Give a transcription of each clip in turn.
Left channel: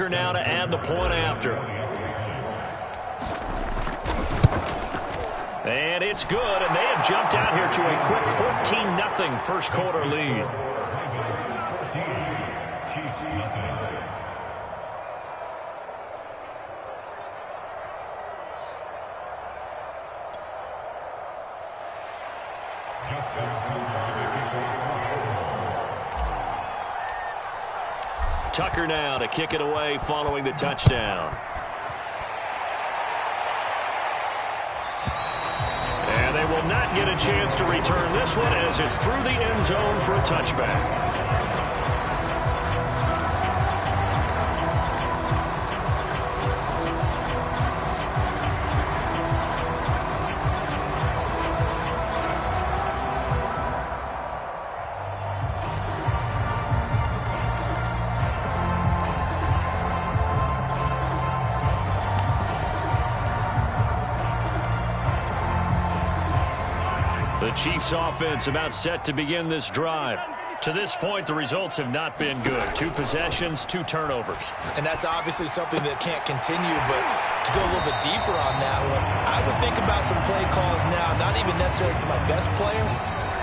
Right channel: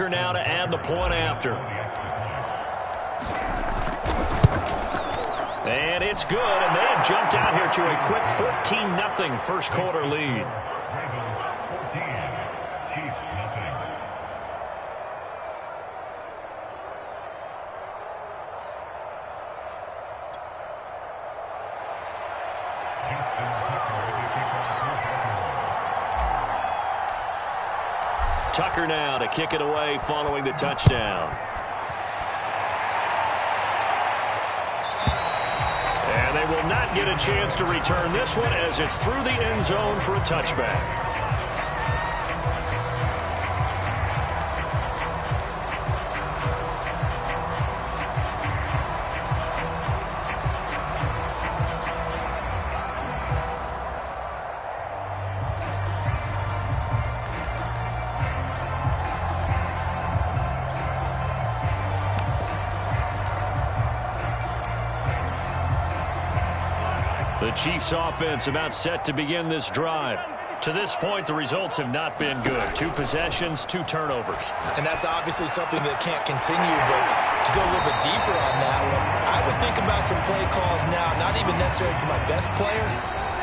Tucker now to add the point after. And it's good, and they have jumped out here to a quick 14-0 first quarter lead. Ravens 14, Chiefs nothing. Tucker now to kick it away following the touchdown. And they will not get a chance to return this one as it's through the end zone for a touchback. The Chiefs offense about set to begin this drive. To this point, the results have not been good. 2 possessions, 2 turnovers. And that's obviously something that can't continue, but to go a little bit deeper on that one, I would think about some play calls now, not even necessarily to my best player,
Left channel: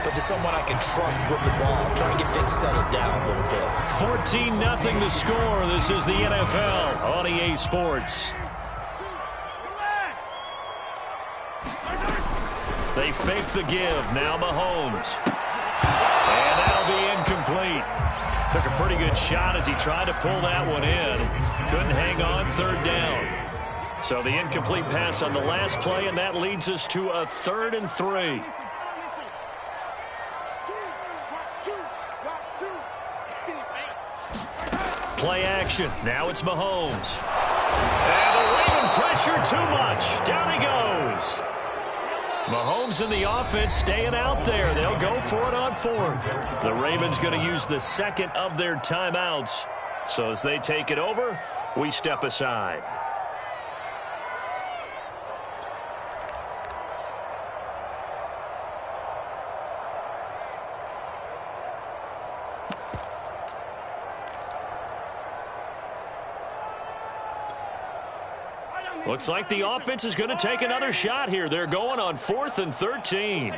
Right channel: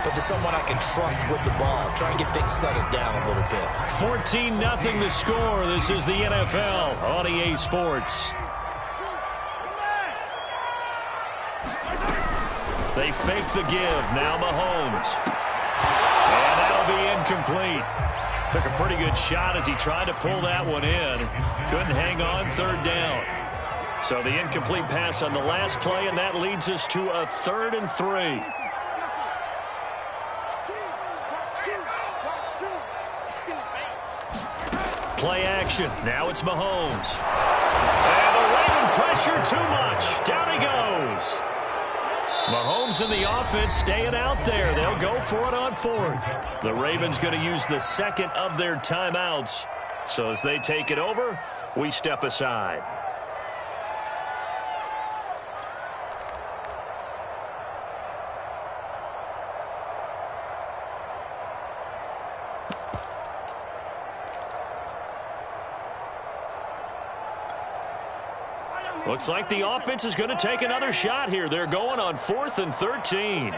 but to someone I can trust with the ball. Try and get things settled down a little bit. 14-0 the score. This is the NFL on EA Sports. They fake the give. Now Mahomes. And that'll be incomplete. Took a pretty good shot as he tried to pull that one in. Couldn't hang on, third down. So the incomplete pass on the last play, and that leads us to a 3rd and 3. Play action. Now it's Mahomes. And the Raven pressure too much. Down he goes. Mahomes and the offense staying out there. They'll go for it on 4th. The Ravens going to use the 2nd of their timeouts. So as they take it over, we step aside. Looks like the offense is going to take another shot here. They're going on 4th and 13.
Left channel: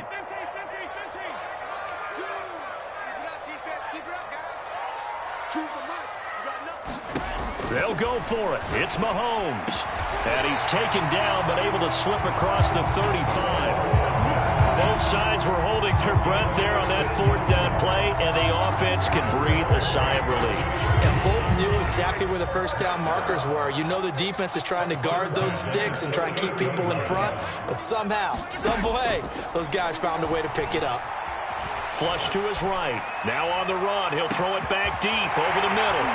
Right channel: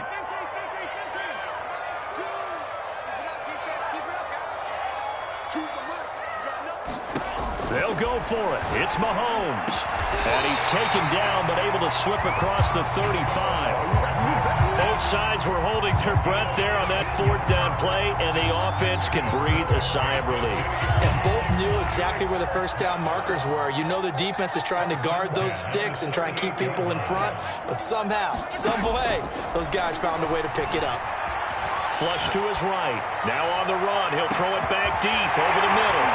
They'll go for it. It's Mahomes. And he's taken down but able to slip across the 35. Both sides were holding their breath there on that 4th down play, and the offense can breathe a sigh of relief. And both knew exactly where the first down markers were. You know the defense is trying to guard those sticks and try and keep people in front, but somehow, some way, those guys found a way to pick it up. Flush to his right. Now on the run. He'll throw it back deep over the middle.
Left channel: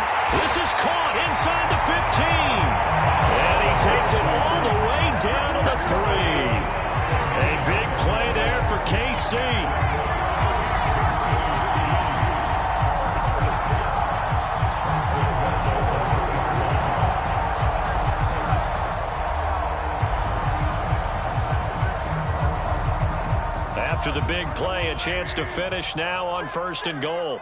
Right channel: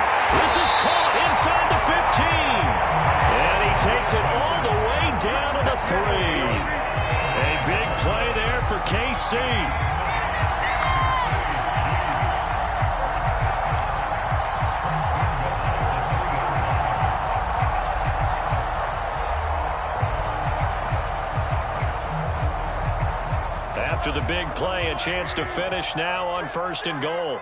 This is caught inside the 15. And he takes it all the way down to the 3. A big play there for KC. After the big play, a chance to finish now on 1st and goal.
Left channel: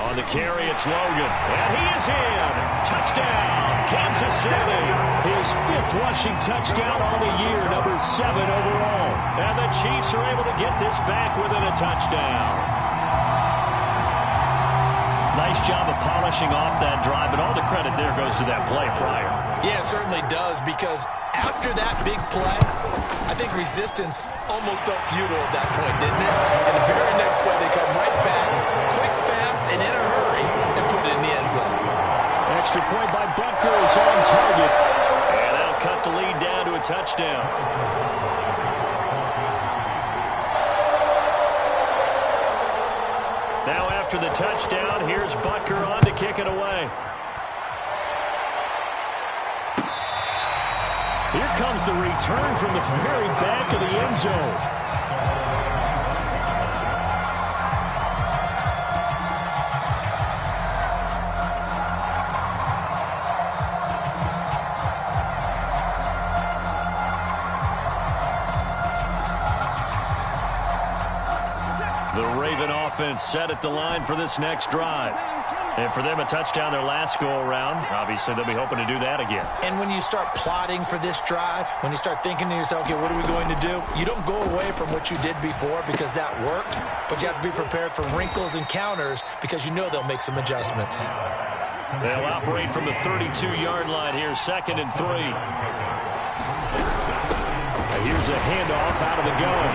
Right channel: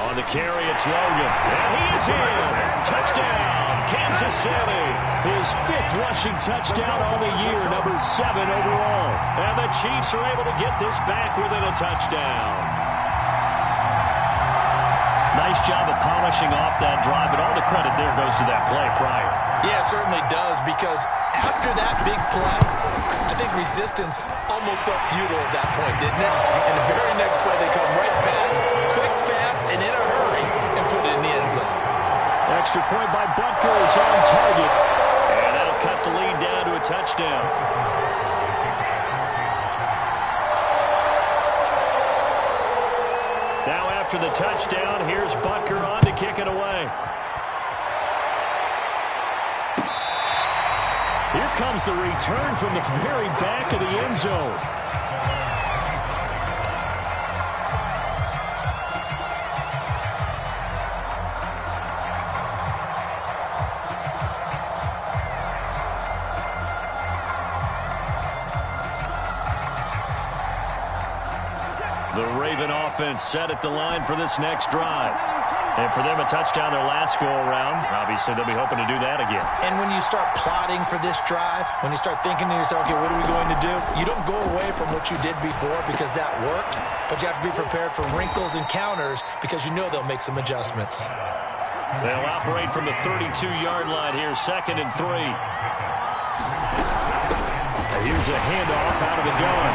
On the carry, it's Logan. And he is in. Touchdown, Kansas City. His 5th rushing touchdown on the year, number 7 overall. And the Chiefs are able to get this back within a touchdown. Nice job of polishing off that drive, but all the credit there goes to that play prior. Yeah, it certainly does, because after that big play, I think resistance almost felt futile at that point, didn't it? And the very next play, they come right back, quick, fast, and in a hurry, and put it in the end zone. Extra point by Butker is on target. And that'll cut the lead down to a touchdown. Now after the touchdown, here's Butker on to kick it away. Here comes the return from the very back of the end zone. The Raven offense set at the line for this next drive. And for them, a touchdown their last go-around. Obviously, they'll be hoping to do that again. And when you start plotting for this drive, when you start thinking to yourself, okay, what are we going to do? You don't go away from what you did before because that worked, but you have to be prepared for wrinkles and counters because you know they'll make some adjustments. They'll operate from the 32-yard line here, 2nd and 3. Here's a handoff out of the gun.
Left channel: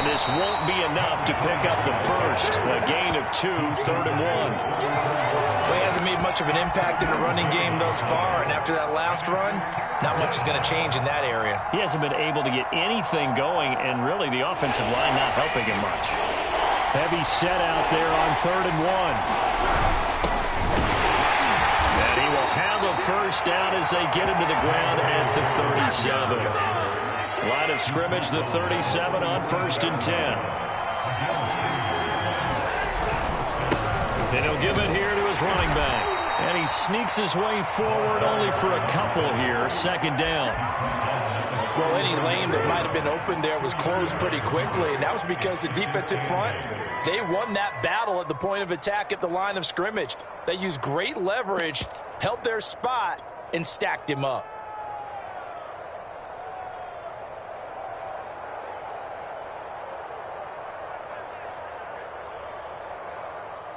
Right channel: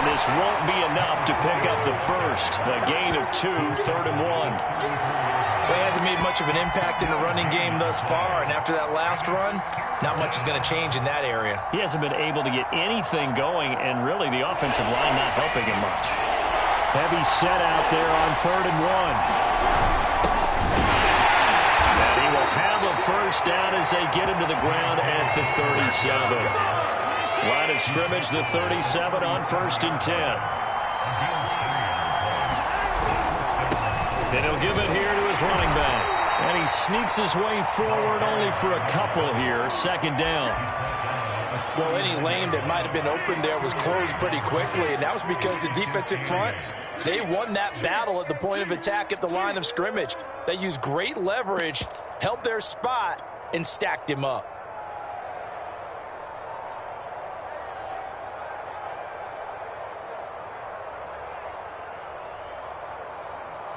And this won't be enough to pick up the first. A gain of 2, 3rd and 1. Well, he hasn't made much of an impact in the running game thus far, and after that last run, not much is going to change in that area. He hasn't been able to get anything going, and really the offensive line not helping him much. Heavy set out there on 3rd and 1. And he will have a first down as they get him to the ground at the 37. Line of scrimmage, the 37 on 1st and 10. And he'll give it here to his running back. And he sneaks his way forward only for a couple here, 2nd down. Well, any lane that might have been open there was closed pretty quickly, and that was because the defensive front, they won that battle at the point of attack at the line of scrimmage. They used great leverage, held their spot, and stacked him up.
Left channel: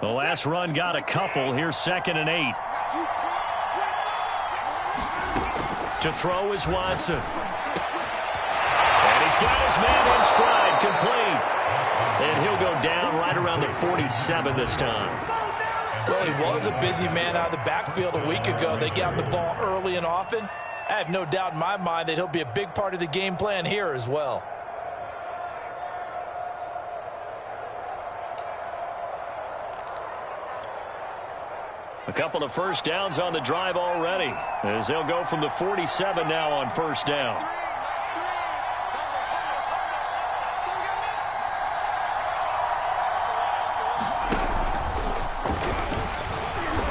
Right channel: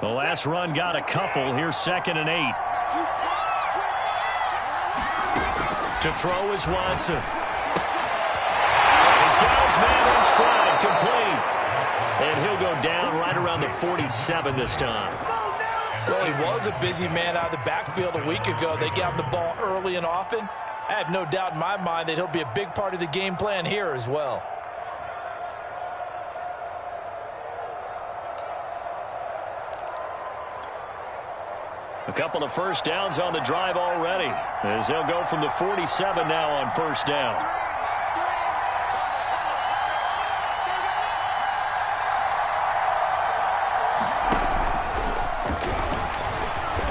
The last run got a couple. Here's 2nd and 8. To throw is Watson. And he's got his man in stride, complete. And he'll go down right around the 47 this time. Well, he was a busy man out of the backfield a week ago. They got him the ball early and often. I have no doubt in my mind that he'll be a big part of the game plan here as well. A couple of first downs on the drive already, as they'll go from the 47 now on 1st down.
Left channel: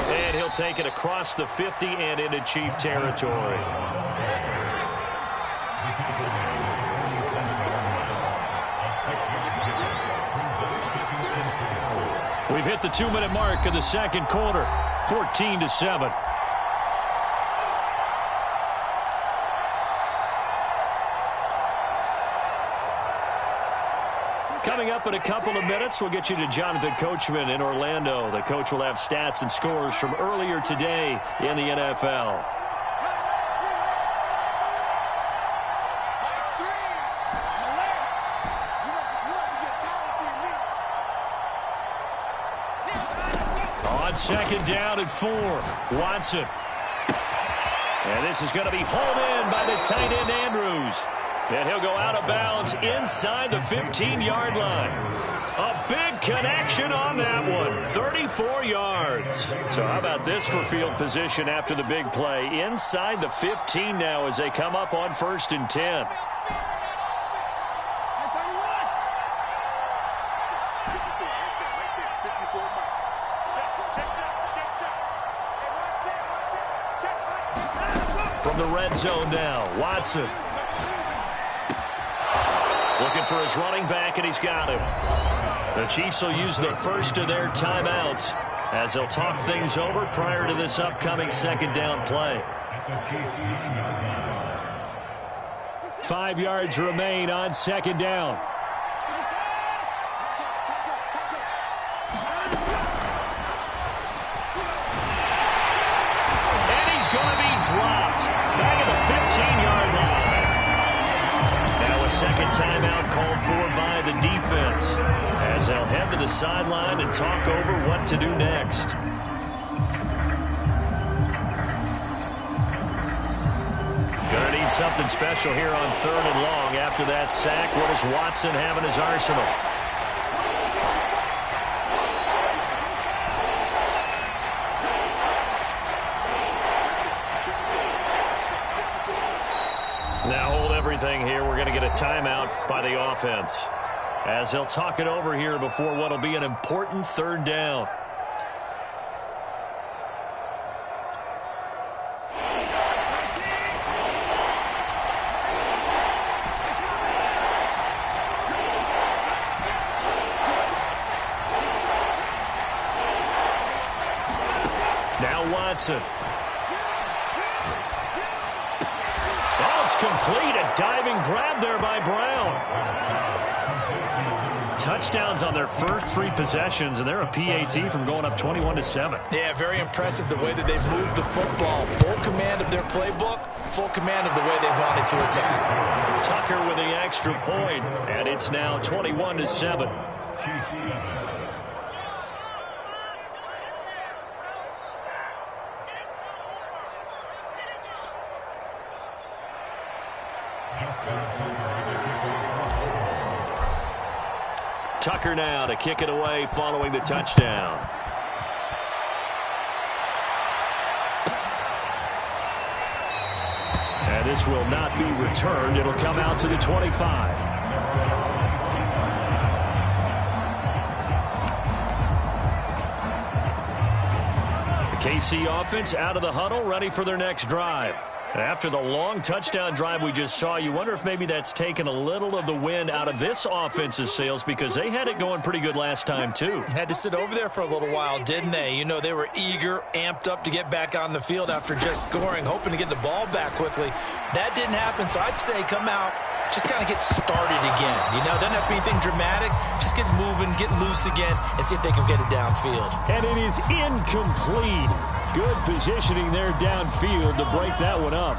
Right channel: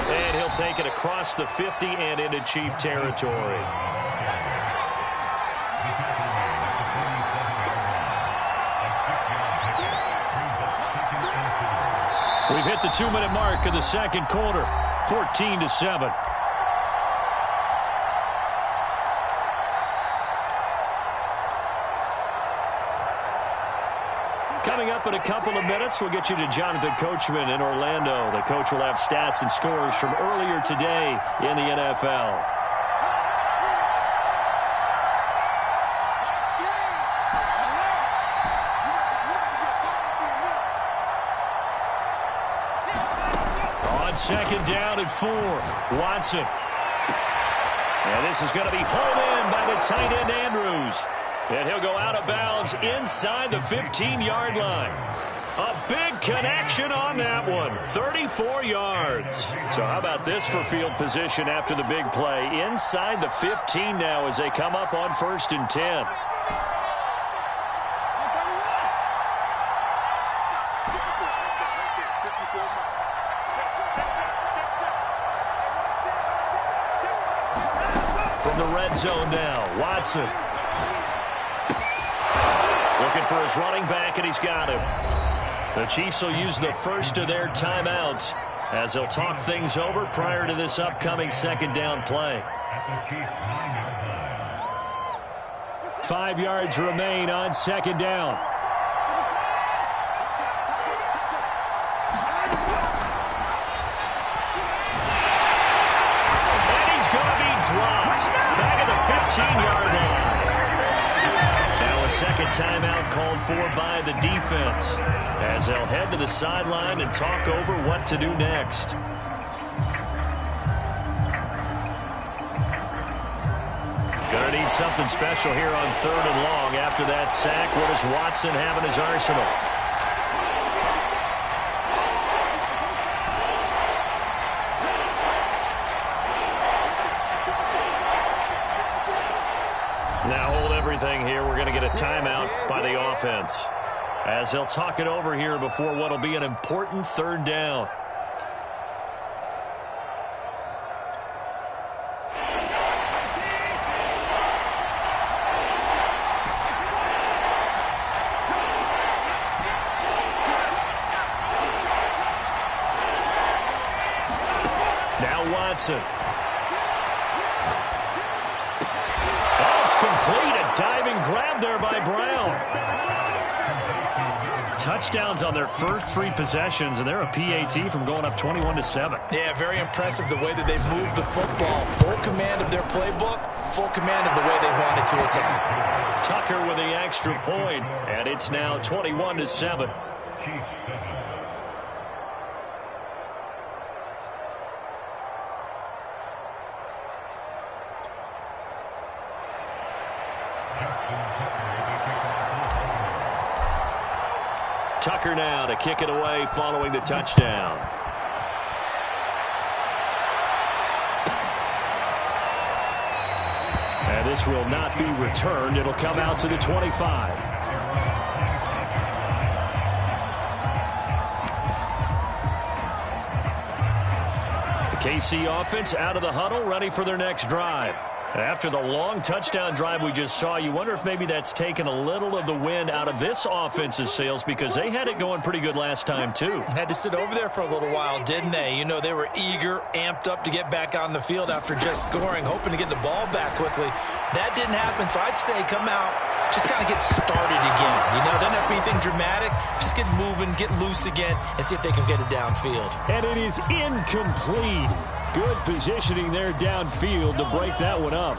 And he'll take it across the 50 and into Chief territory. We've hit the 2-minute mark of the 2nd quarter. 14-7. Coming up in a couple of minutes, we'll get you to Jonathan Coachman in Orlando. The coach will have stats and scores from earlier today in the NFL. On 2nd down and 4, Watson. And this is going to be hauled in by the tight end Andrews. And he'll go out of bounds inside the 15-yard line. A big connection on that one, 34 yards. So how about this for field position after the big play? Inside the 15 now as they come up on 1st and 10. From the red zone now, Watson. Looking for his running back, and he's got him. The Chiefs will use the first of their timeouts as they'll talk things over prior to this upcoming 2nd down play. 5 yards remain on 2nd down. And he's going to be dropped back at the 15-yard line. Now a 2nd timeout called for by the defense as they'll head to the sideline and talk over what to do next. Going to need something special here on 3rd and long after that sack. What does Watson have in his arsenal? Now hold everything here. We're going to get a timeout by the offense as they'll talk it over here before what will be an important 3rd down. Now Watson. Oh, it's complete. A diving grab there by Brown. Touchdowns on their first 3 possessions, and they're a PAT from going up 21-7. Yeah, very impressive the way that they've moved the football. Full command of their playbook, full command of the way they wanted to attack. Tucker with the extra point, and it's now 21-7. Tucker now to kick it away following the touchdown. And this will not be returned. It'll come out to the 25. The KC offense out of the huddle, ready for their next drive. After the long touchdown drive we just saw, you wonder if maybe that's taken a little of the wind out of this offense's sails, because they had it going pretty good last time too. Had to sit over there for a little while, didn't they? You know, they were eager, amped up to get back on the field after just scoring, hoping to get the ball back quickly. That didn't happen, so I'd say come out, just kind of get started again. You know, doesn't have to be anything dramatic. Just get moving, get loose again, and see if they can get it downfield. And it is incomplete. Good positioning there downfield to break that one up.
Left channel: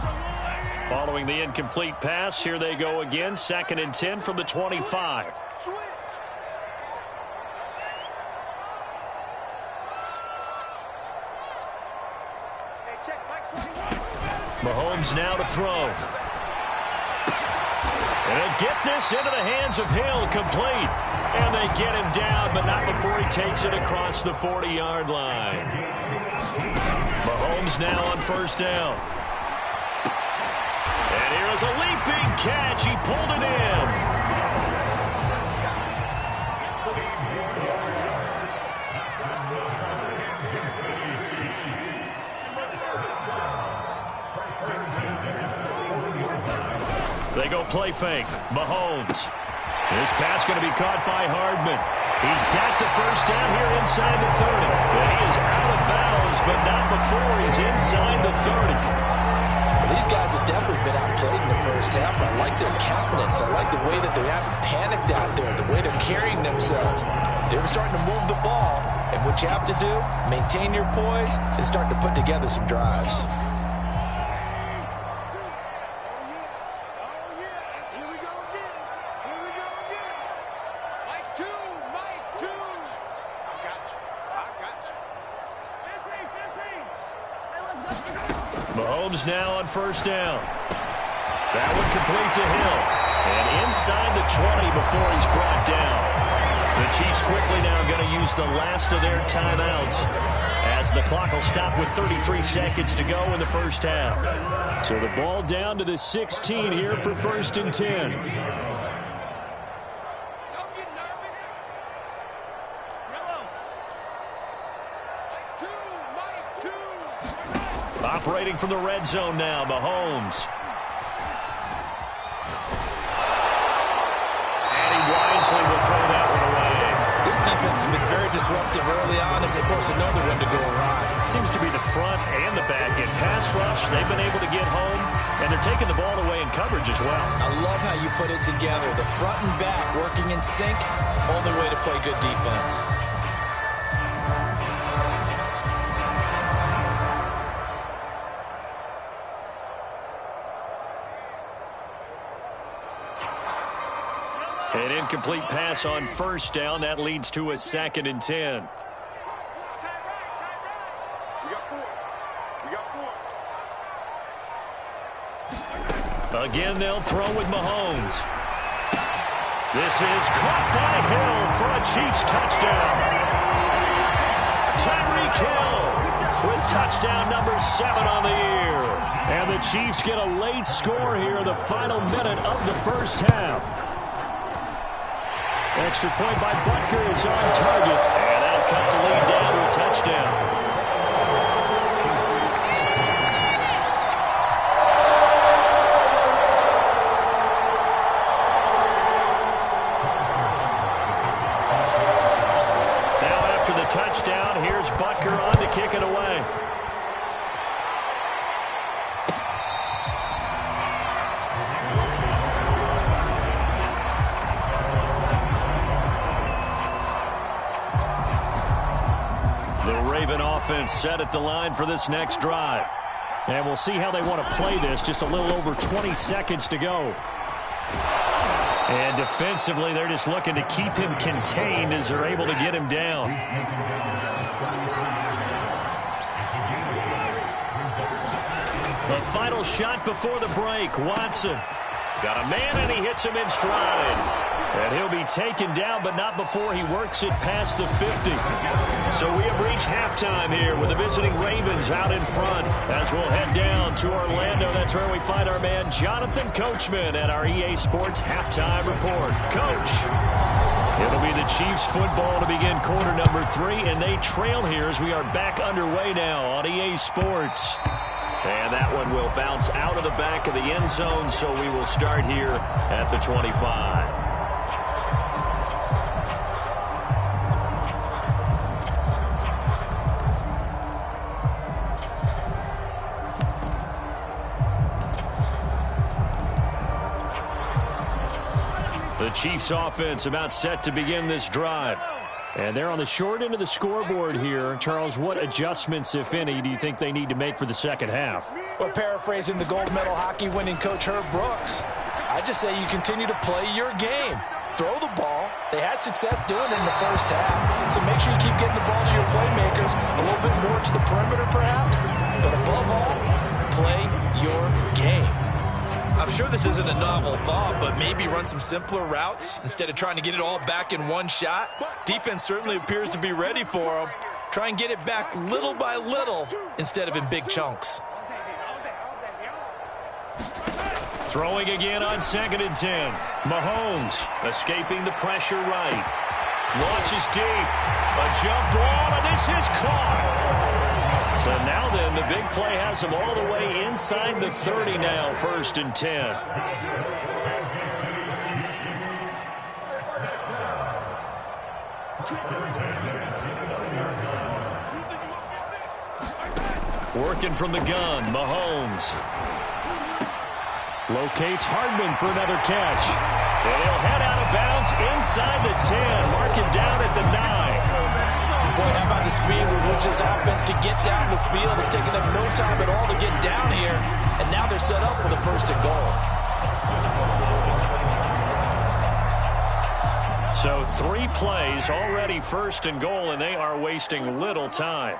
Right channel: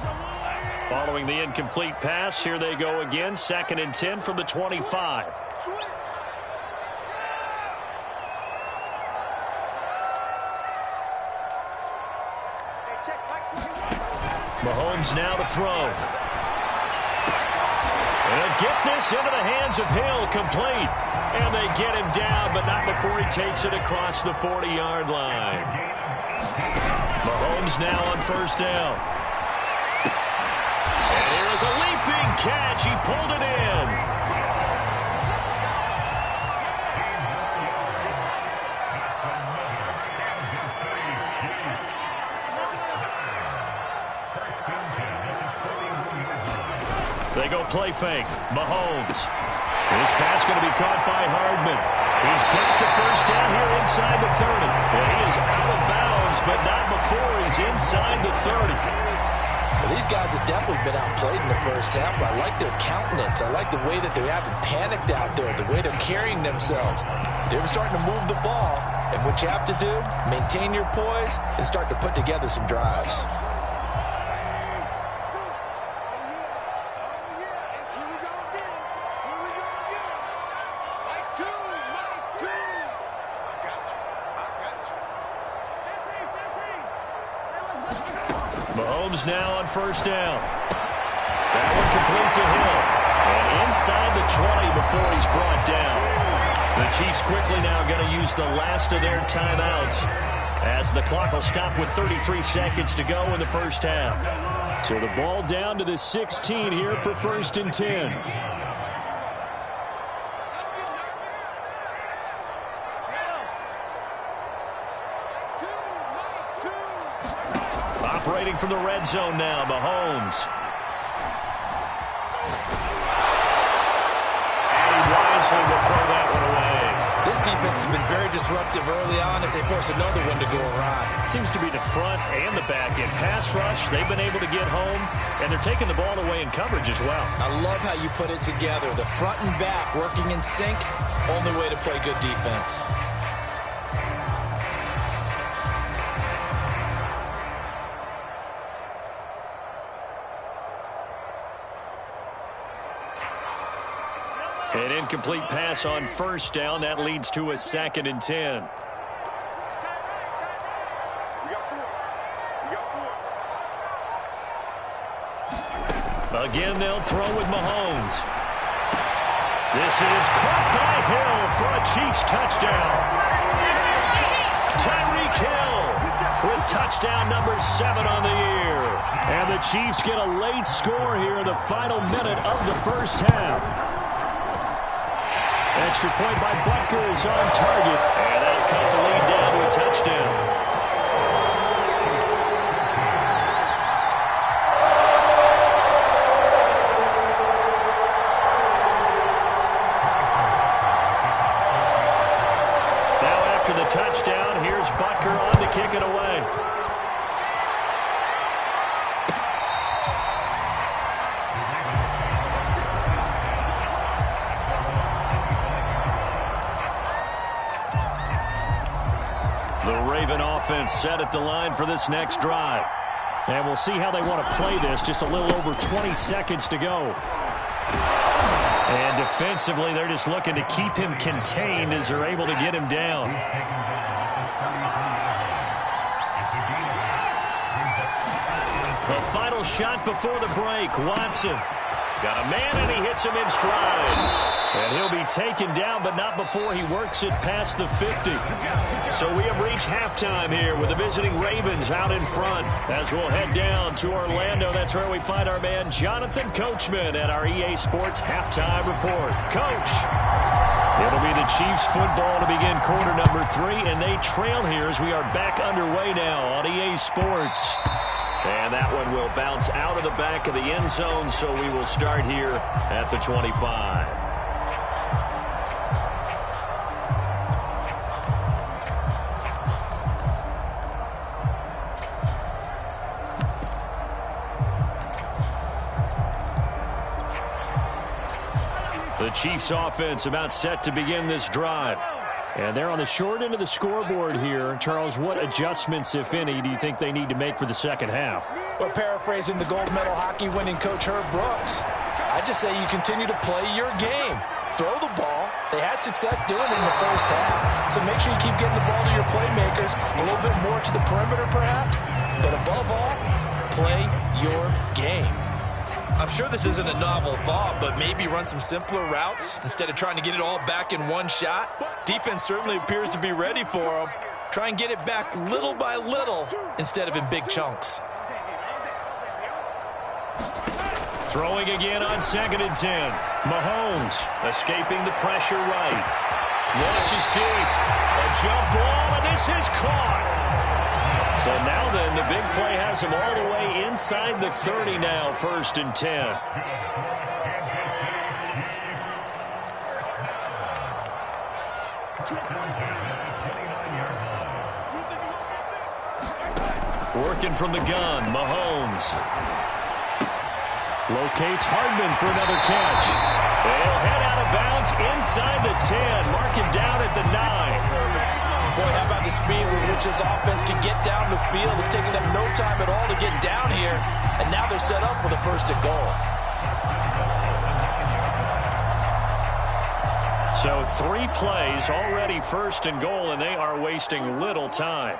Following the incomplete pass, here they go again. 2nd and 10 from the 25. Mahomes now to throw. And he'll get this into the hands of Hill, complete. And they get him down, but not before he takes it across the 40-yard line. Mahomes now on 1st down. And here is a leaping catch. He pulled it in. They go play fake. Mahomes. This pass going to be caught by Hardman. He's got the 1st down here inside the 30. And he is out of bounds, but not before he's inside the 30. Well, these guys have definitely been outplayed in the first half, but I like their countenance. I like the way that they haven't panicked out there, the way they're carrying themselves. They were starting to move the ball, and what you have to do, maintain your poise and start to put together some drives. Mahomes now on 1st down. That one complete to Hill. And inside the 20 before he's brought down. The Chiefs quickly now going to use the last of their timeouts, as the clock will stop with 33 seconds to go in the first half. So the ball down to the 16 here for 1st and 10. Operating from the red zone now, Mahomes. And he wisely will throw that one away. This defense has been very disruptive early on as they force another one to go awry. Seems to be the front and the back end. Pass rush, they've been able to get home, and they're taking the ball away in coverage as well. I love how you put it together. The front and back working in sync, only way to play good defense. An incomplete pass on 1st down. That leads to a 2nd and 10. We got 4. Again, they'll throw with Mahomes. This is caught by Hill for a Chiefs touchdown. Tyreek Hill with touchdown number 7 on the year. And the Chiefs get a late score here in the final minute of the first half. Extra point by Butker is on target, and that'll cut the lead down to a touchdown. Now after the touchdown. Here's Butker on to kick it away. The Raven offense set at the line for this next drive. And we'll see how they want to play this. Just a little over 20 seconds to go. And defensively, they're just looking to keep him contained as they're able to get him down. The final shot before the break. Watson got a man, and he hits him in stride. And he'll be taken down, but not before he works it past the 50. So we have reached halftime here with the visiting Ravens out in front. As we'll head down to Orlando, that's where we find our man Jonathan Coachman at our EA Sports Halftime Report. Coach, it'll be the Chiefs football to begin quarter number 3, and they trail here as we are back underway now on EA Sports. And that one will bounce out of the back of the end zone, so we will start here at the 25. The Chiefs offense about set to begin this drive. And they're on the short end of the scoreboard here. Charles, what adjustments, if any, do you think they need to make for the second half? Well, paraphrasing the gold medal hockey winning coach Herb Brooks, I just say you continue to play your game. Throw the ball. They had success doing it in the first half. So make sure you keep getting the ball to your playmakers, a little bit more to the perimeter perhaps. But above all, play your game. I'm sure this isn't a novel thought, but maybe run some simpler routes instead of trying to get it all back in one shot. Defense certainly appears to be ready for them. Try and get it back little by little instead of in big chunks. Throwing again on 2nd and 10. Mahomes escaping the pressure right. Launches deep. A jump ball, and this is caught. So now then, the big play has him all the way inside the 30 now, 1st and 10. Working from the gun, Mahomes. Locates Hardman for another catch. And he'll head out of bounds inside the 10. Mark it down at the 9. Boy, how about the speed with which this offense can get down the field? It's taken them no time at all to get down here. And now they're set up with a 1st and goal. So 3 plays already 1st and goal, and they are wasting little time.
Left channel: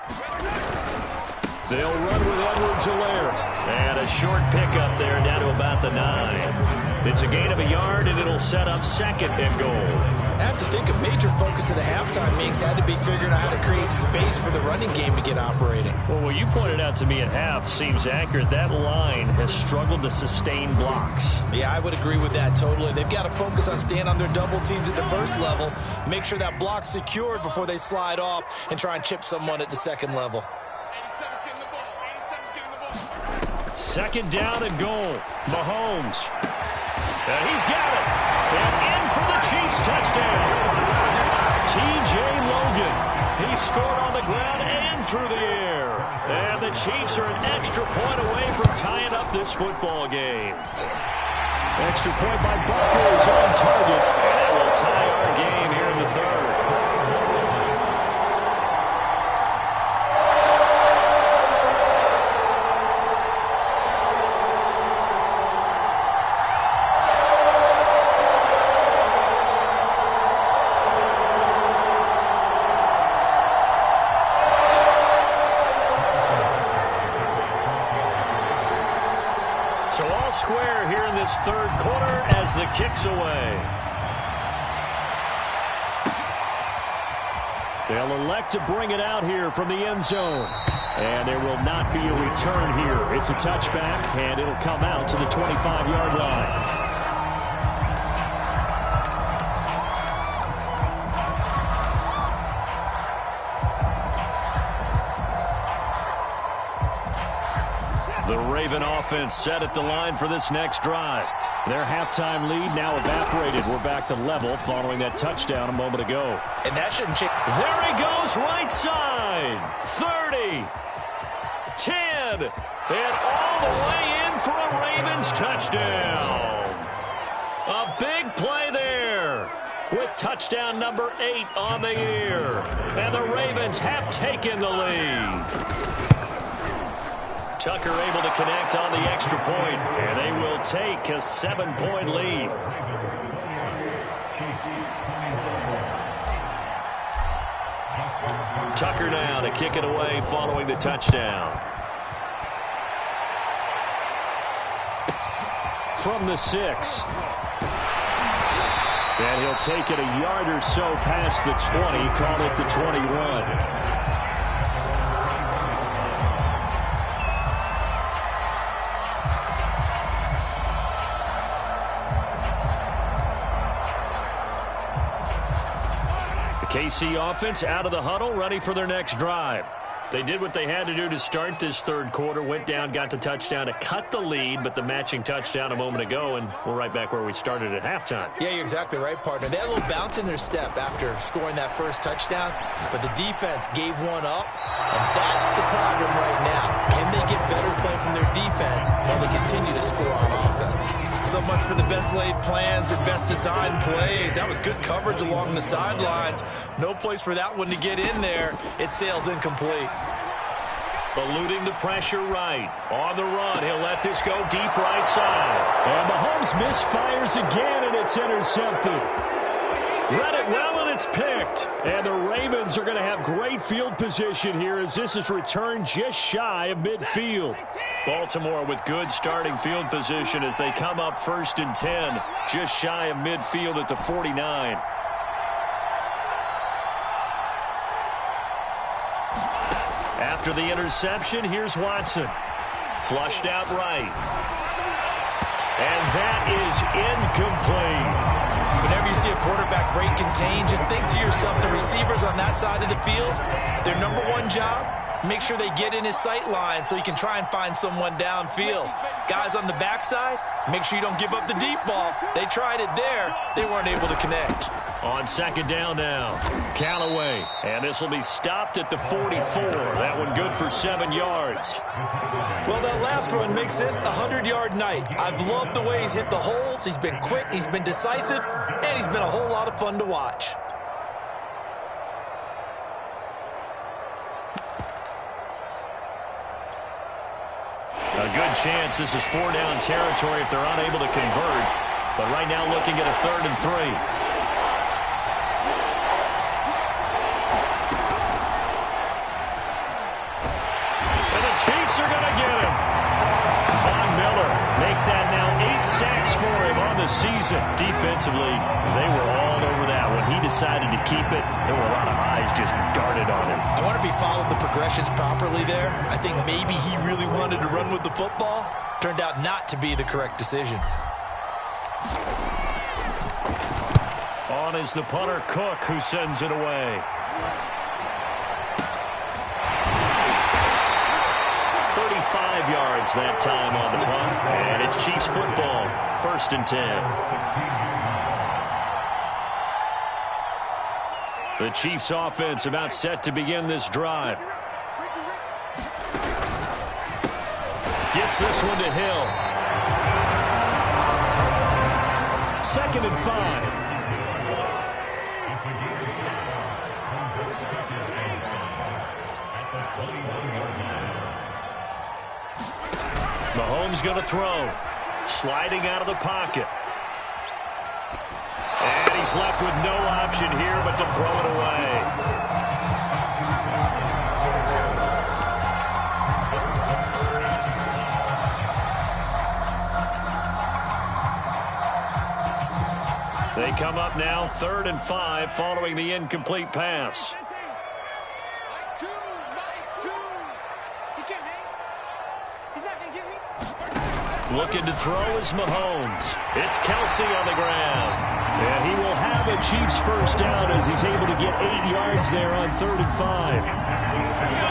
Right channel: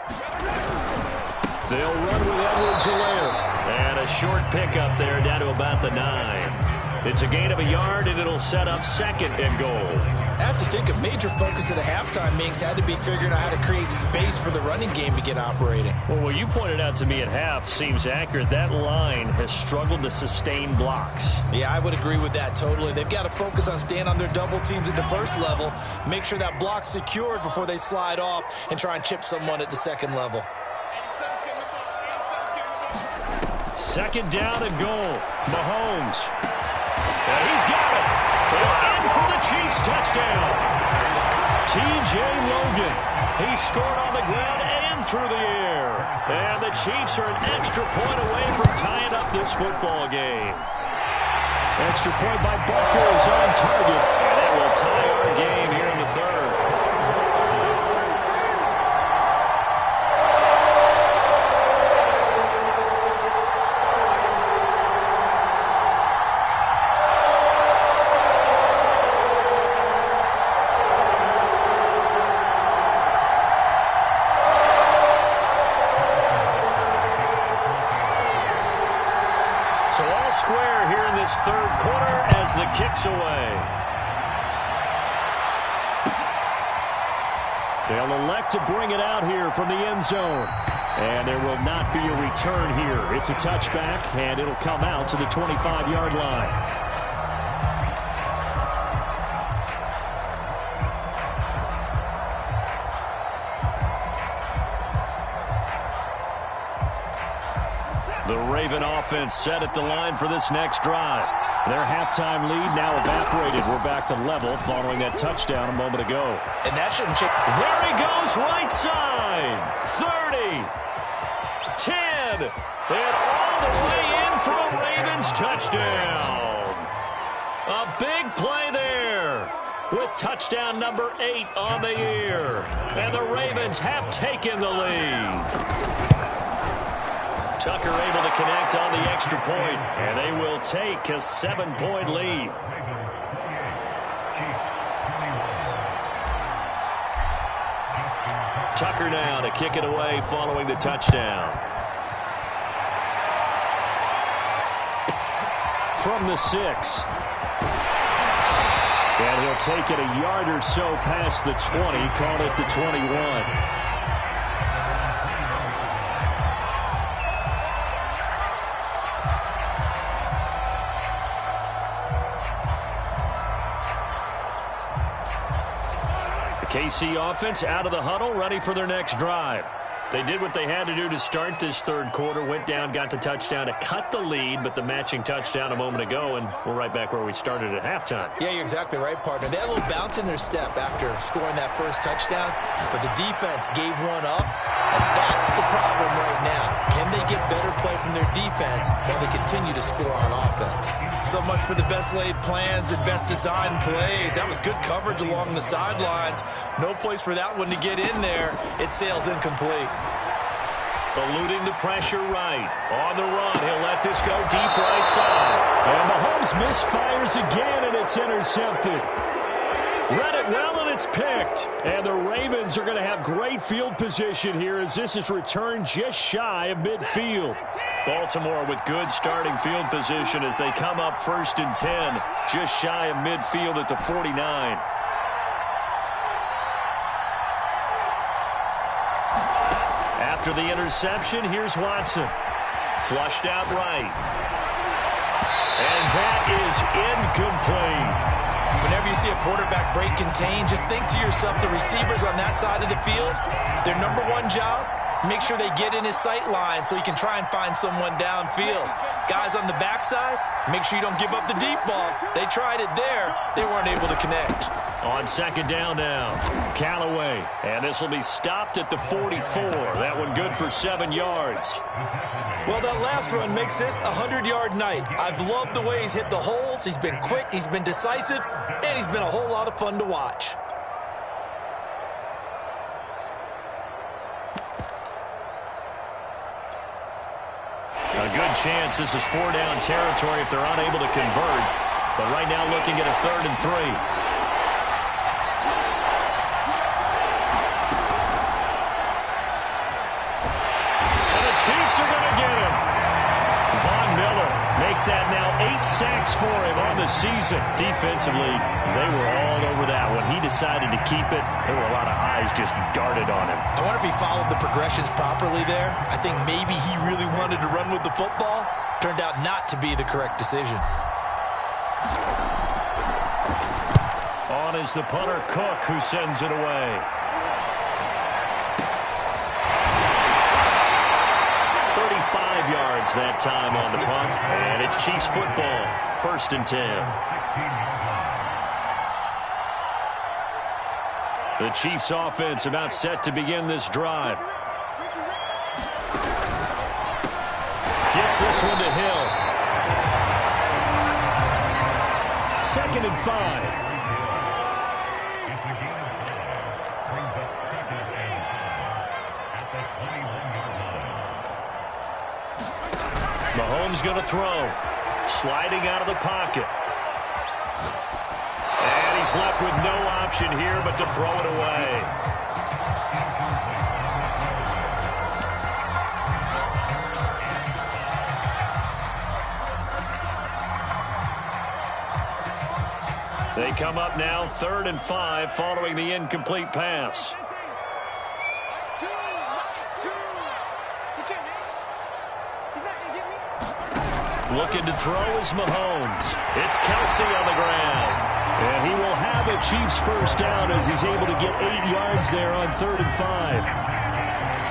They'll run with Edwards-Helaire. And a short pickup there down to about the 9. It's a gain of a yard, and it'll set up 2nd and goal. I have to think a major focus of the halftime meetings had to be figuring out how to create space for the running game to get operating. Well, what you pointed out to me at half seems accurate. That line has struggled to sustain blocks. Yeah, I would agree with that totally. They've got to focus on staying on their double teams at the first level, make sure that block's secured before they slide off and try and chip someone at the second level. 2nd down and goal. Mahomes. And he's got it. And in for the Chiefs touchdown. T.J. Logan. He scored on the ground and through the air. And the Chiefs are an extra point away from tying up this football game. Extra point by Butker is on target. And it will tie our game here in the 3rd. So all square here in this 3rd quarter as the kick's away. They'll elect to bring it out here from the end zone. And there will not be a return here. It's a touchback, and it'll come out to the 25-yard line. The Raven offense set at the line for this next drive. Their halftime lead now evaporated. We're back to level following that touchdown a moment ago. And that shouldn't change. There he goes, right side. 30, 10, and all the way in for a Ravens touchdown. A big play there with touchdown number 8 on the year. And the Ravens have taken the lead. Tucker able to connect on the extra point, and they will take a 7-point lead. Tucker now to kick it away following the touchdown. From the 6. And he'll take it a yard or so past the 20, call it the 21. KC offense out of the huddle, ready for their next drive. They did what they had to do to start this third quarter, went down, got the touchdown to cut the lead, but the matching touchdown a moment ago, and we're right back where we started at halftime. Yeah, you're exactly right, partner. They had a little bounce in their step after scoring that first touchdown, but the defense gave one up, and that's the problem right now. Can they get better play from their defense while they continue to score on offense? So much for the best laid plans and best designed plays. That was good coverage along the sidelines. No place for that one to get in there. It sails incomplete. Eluding the pressure right. On the run, he'll let this go deep right side. And Mahomes misfires again, and it's intercepted. Read it well, and it's picked. And the Ravens are going to have great field position here as this is returned just shy of midfield. Baltimore with good starting field position as they come up 1st and 10, just shy of midfield at the 49. After the interception, here's Watson. Flushed out right. And that is incomplete. Whenever you see a quarterback break contain, just think to yourself, the receivers on that side of the field, their number one job, make sure they get in his sight line so he can try and find someone downfield. Guys on the backside, make sure you don't give up the deep ball. They tried it there. They weren't able to connect. On 2nd down now, Callaway. And this will be stopped at the 44. That one good for 7 yards. Well, that last run makes this a 100-yard night. I've loved the way he's hit the holes. He's been quick, he's been decisive, and he's been a whole lot of fun to watch. A good chance this is 4-down territory if they're unable to convert. But right now looking at a 3rd and 3. Chiefs are going to get him. Von Miller make that now 8 sacks for him on the season. Defensively, they were all over that. When he decided to keep it, there were a lot of eyes just darted on him. I wonder if he followed the progressions properly there. I think maybe he really wanted to run with the football. Turned out not to be the correct decision. On is the punter, Cook, who sends it away. 35 yards that time on the punt, and it's Chiefs football, 1st and 10. The Chiefs offense about set to begin this drive. Gets this one to Hill. 2nd and 5. Mahomes going to throw. Sliding out of the pocket. And he's left with no option here but to throw it away. They come up now 3rd and 5 following the incomplete pass. Looking to throw is Mahomes. It's Kelsey on the ground. And he will have a Chiefs 1st down as he's able to get 8 yards there on 3rd and 5.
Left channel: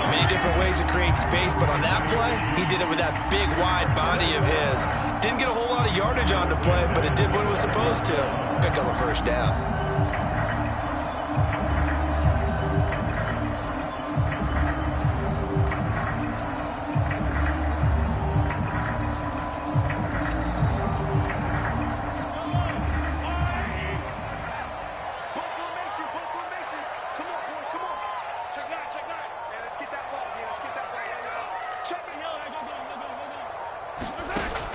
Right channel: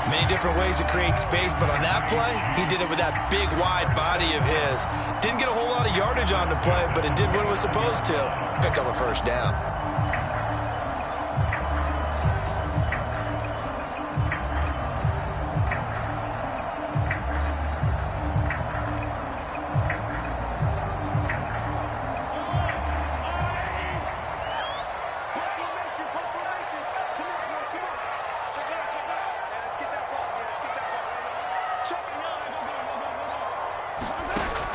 Many different ways to create space, but on that play, he did it with that big, wide body of his. Didn't get a whole lot of yardage on the play, but it did what it was supposed to. Pick up a first down.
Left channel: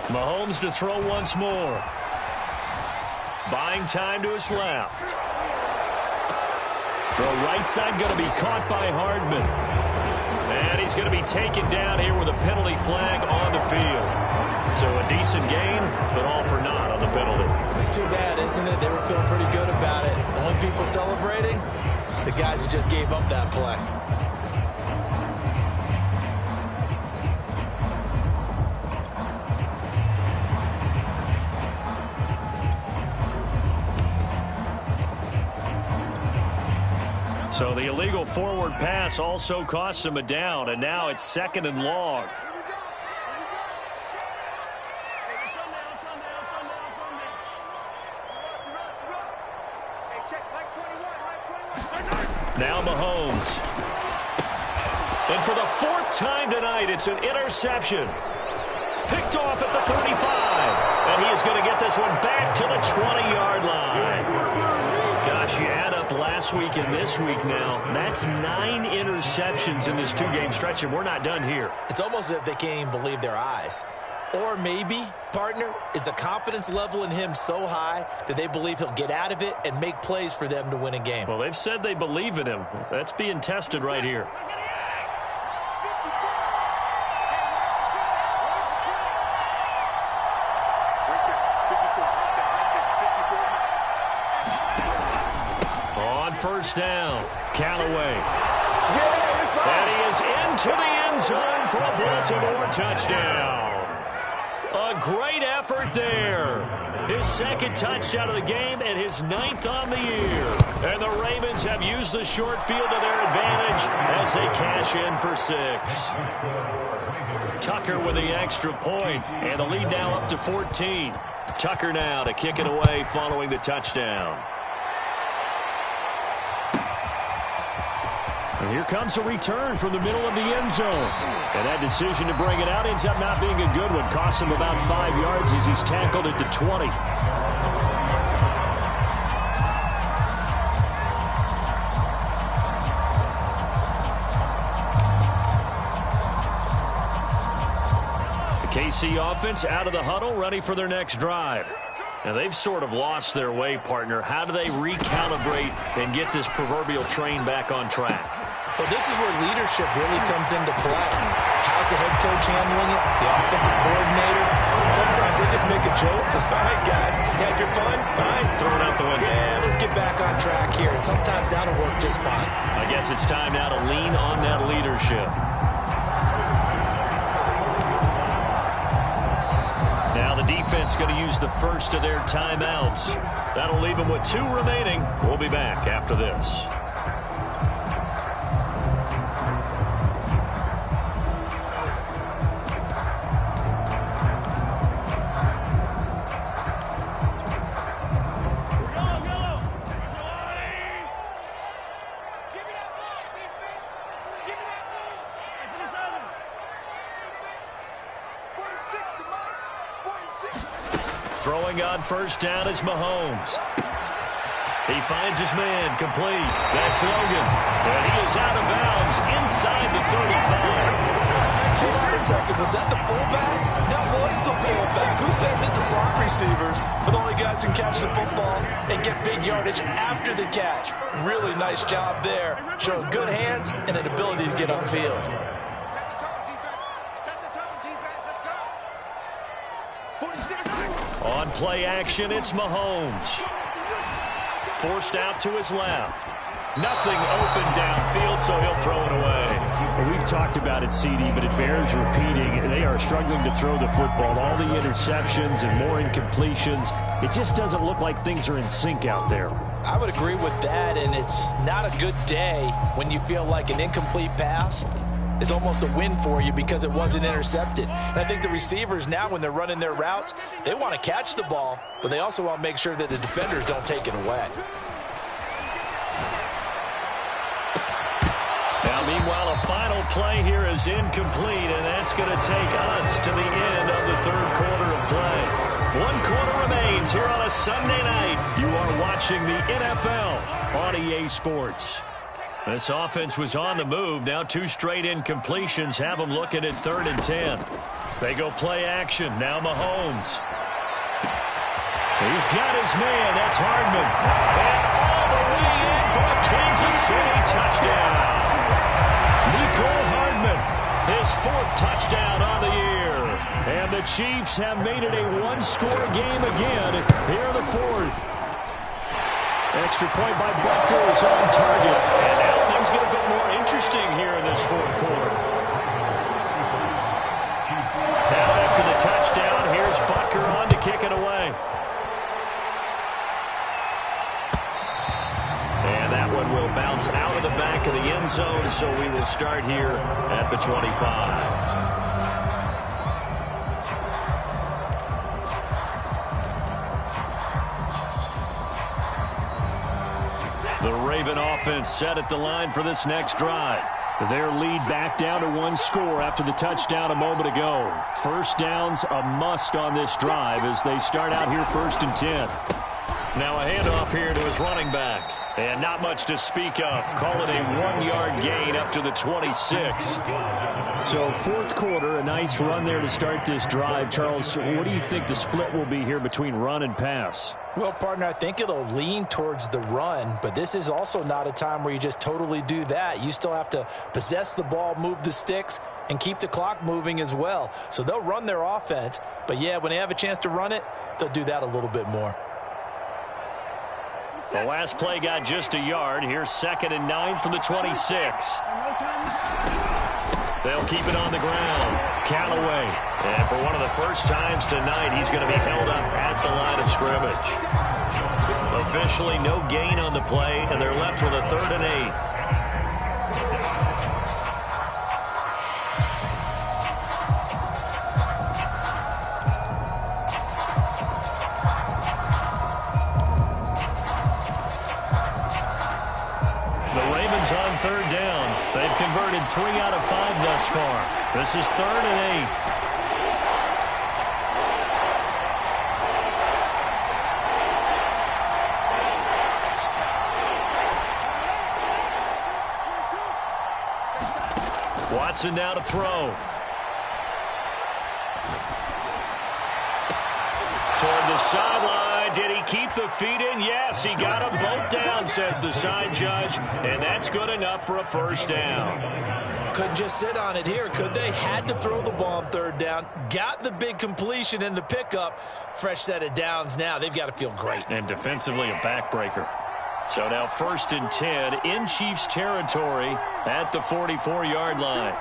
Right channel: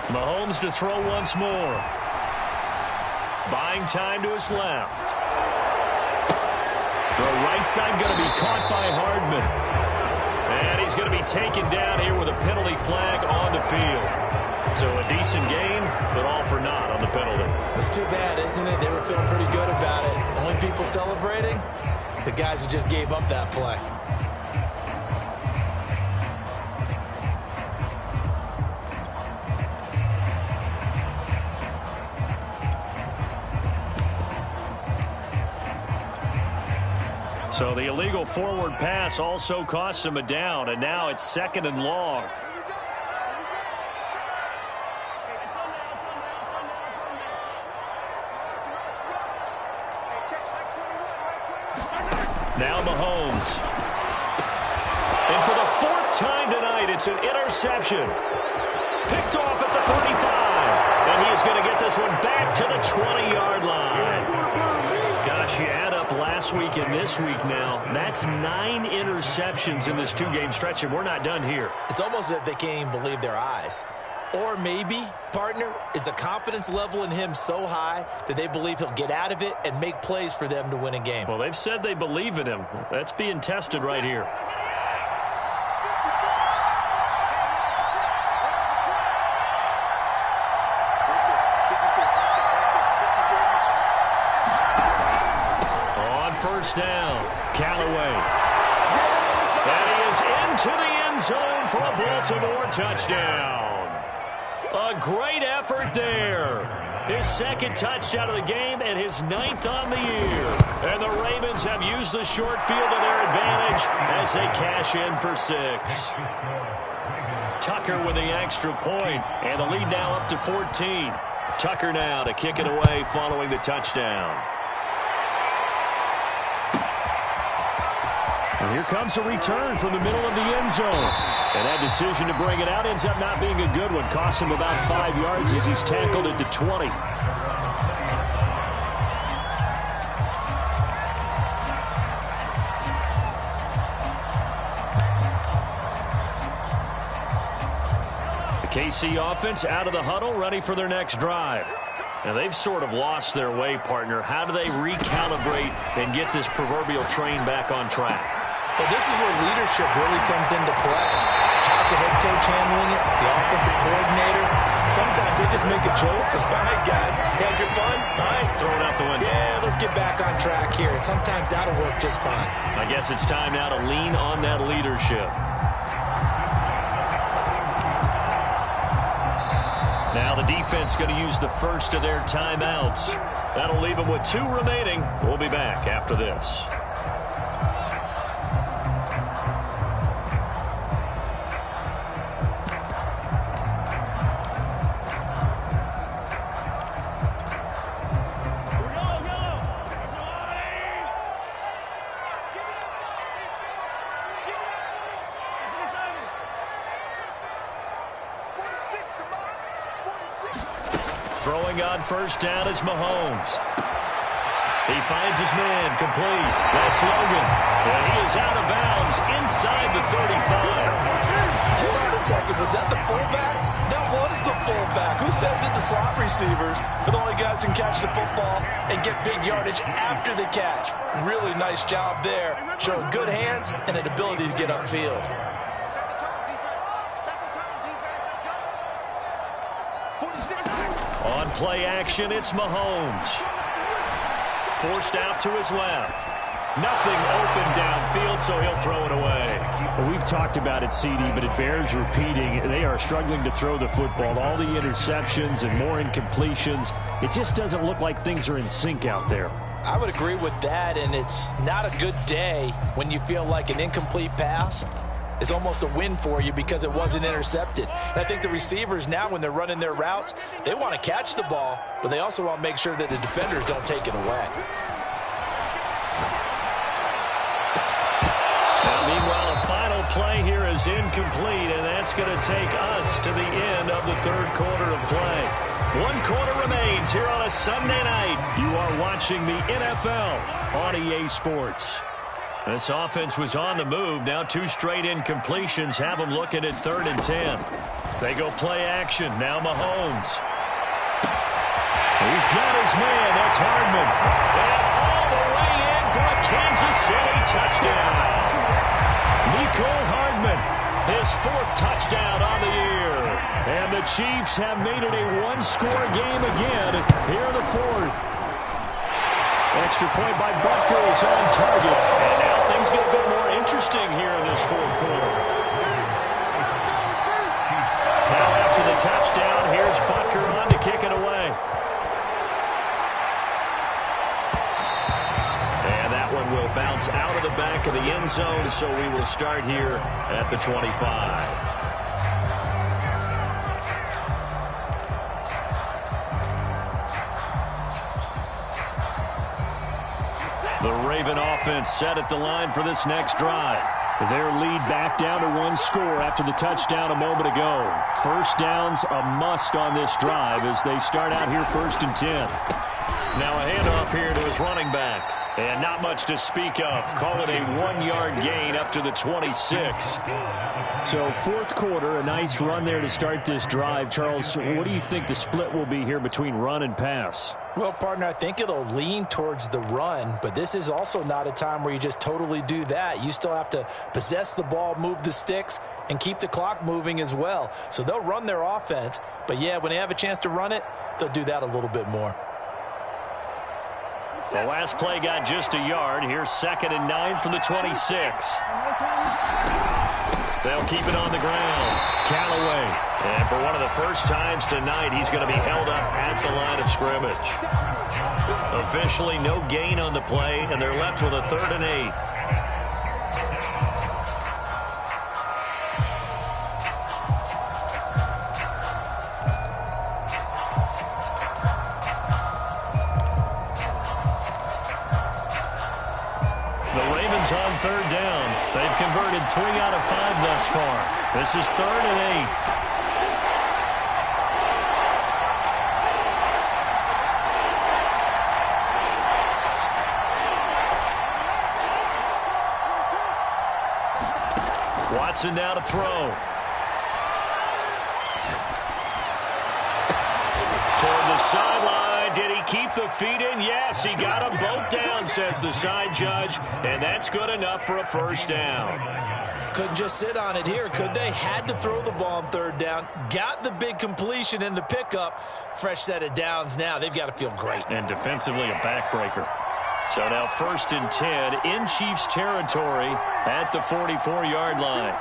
Mahomes to throw once more. Buying time to his left. Throw right side going to be caught by Hardman. And he's going to be taken down here with a penalty flag on the field. So a decent gain, but all for naught on the penalty. It's too bad, isn't it? They were feeling pretty good about it. The only people celebrating, the guys who just gave up that play. So the illegal forward pass also costs him a down, and now it's 2nd and long. Now Mahomes. And for the 4th time tonight, it's an interception. Picked off at the 35. And he is going to get this one back to the 20-yard line. Gosh, you add up last week and this week now, that's 9 interceptions in this 2-game stretch, and we're not done here. It's almost as if they can't even believe their eyes. Or maybe, partner, is the confidence level in him so high that they believe he'll get out of it and make plays for them to win a game. Well, they've said they believe in him. That's being tested right here. First down, Callaway. And he is into the end zone for a Baltimore touchdown. A great effort there. His 2nd touchdown of the game and his 9th on the year. And the Ravens have used the short field to their advantage as they cash in for 6. Tucker with the extra point, and the lead now up to 14. Tucker now to kick it away following the touchdown. And here comes a return from the middle of the end zone. And that decision to bring it out ends up not being a good one. Cost him about 5 yards as he's tackled it to 20. The KC offense out of the huddle, ready for their next drive. Now, they've sort of lost their way, partner. How do they recalibrate and get this proverbial train back on track? Well, this is where leadership really comes into play. How's the head coach handling it? The offensive coordinator? Sometimes they just make a joke. All right, guys, you had your fun? All right. Throw it out the window. Yeah, let's get back on track here. And sometimes that'll work just fine. I guess it's time now to lean on that leadership. Now the defense going to use the first of their timeouts. That'll leave them with 2 remaining. We'll be back after this. Throwing on first down is Mahomes. He finds his man complete. That's Logan. And he is out of bounds inside the 35. Hold on a second. Was that the fullback? That was the fullback. Who says it? The slot receivers are the only guys who can catch the football and get big yardage after the catch. Really nice job there. Showing good hands and an ability to get upfield. On play action, it's Mahomes. Forced out to his left. Nothing open downfield, so he'll throw it away. Well, we've talked about it, CD, but it bears repeating. They are struggling to throw the football. All the interceptions and more incompletions. It just doesn't look like things are in sync out there. I would agree with that, and it's not a good day when you feel like an incomplete pass is almost a win for you because it wasn't intercepted. And I think the receivers now, when they're running their routes, they want to catch the ball, but they also want to make sure that the defenders don't take it away. Now, meanwhile, a final play here is incomplete, and that's going to take us to the end of the third quarter of play. 1 quarter remains here on a Sunday night. You are watching the NFL on EA Sports. This offense was on the move. Now 2 straight incompletions have them looking at 3rd and 10. They go play action. Now Mahomes. He's got his man. That's Hardman. And all the way in for a Kansas City touchdown. Nicole Hardman, his 4th touchdown on the year. And the Chiefs have made it a 1-score game again here in the 4th. Extra point by Butker is on target. And now things get a bit more interesting here in this 4th quarter. Now after the touchdown, here's Butker on to kick it away. And that one will bounce out of the back of the end zone, so we will start here at the 25. The Raven offense set at the line for this next drive. Their lead back down to 1 score after the touchdown a moment ago. First downs a must on this drive as they start out here 1st and 10. Now a handoff here to his running back. And not much to speak of. Call it a 1-yard gain up to the 26. So 4th quarter, a nice run there to start this drive. Charles, what do you think the split will be here between run and pass? Well, partner, I think it'll lean towards the run, but this is also not a time where you just totally do that. You still have to possess the ball, move the sticks, and keep the clock moving as well. So they'll run their offense, but yeah, when they have a chance to run it, they'll do that a little bit more. The last play got just a yard. Here's 2nd and 9 from the 26. They'll keep it on the ground. Callaway. And for one of the first times tonight, he's going to be held up at the line of scrimmage. Officially no gain on the play, and they're left with a 3rd and 8. On 3rd down. They've converted 3 out of 5 thus far. This is 3rd and 8. Watson now to throw. Toward the sideline. Did he keep the feet in? Yes, he got them both down, says the side judge, and that's good enough for a 1st down. Couldn't just sit on it here, could they? Had to throw the ball on 3rd down. Got the big completion in the pickup. Fresh set of downs now. They've got to feel great. And defensively a backbreaker. So now 1st and 10 in Chiefs territory at the 44-yard line.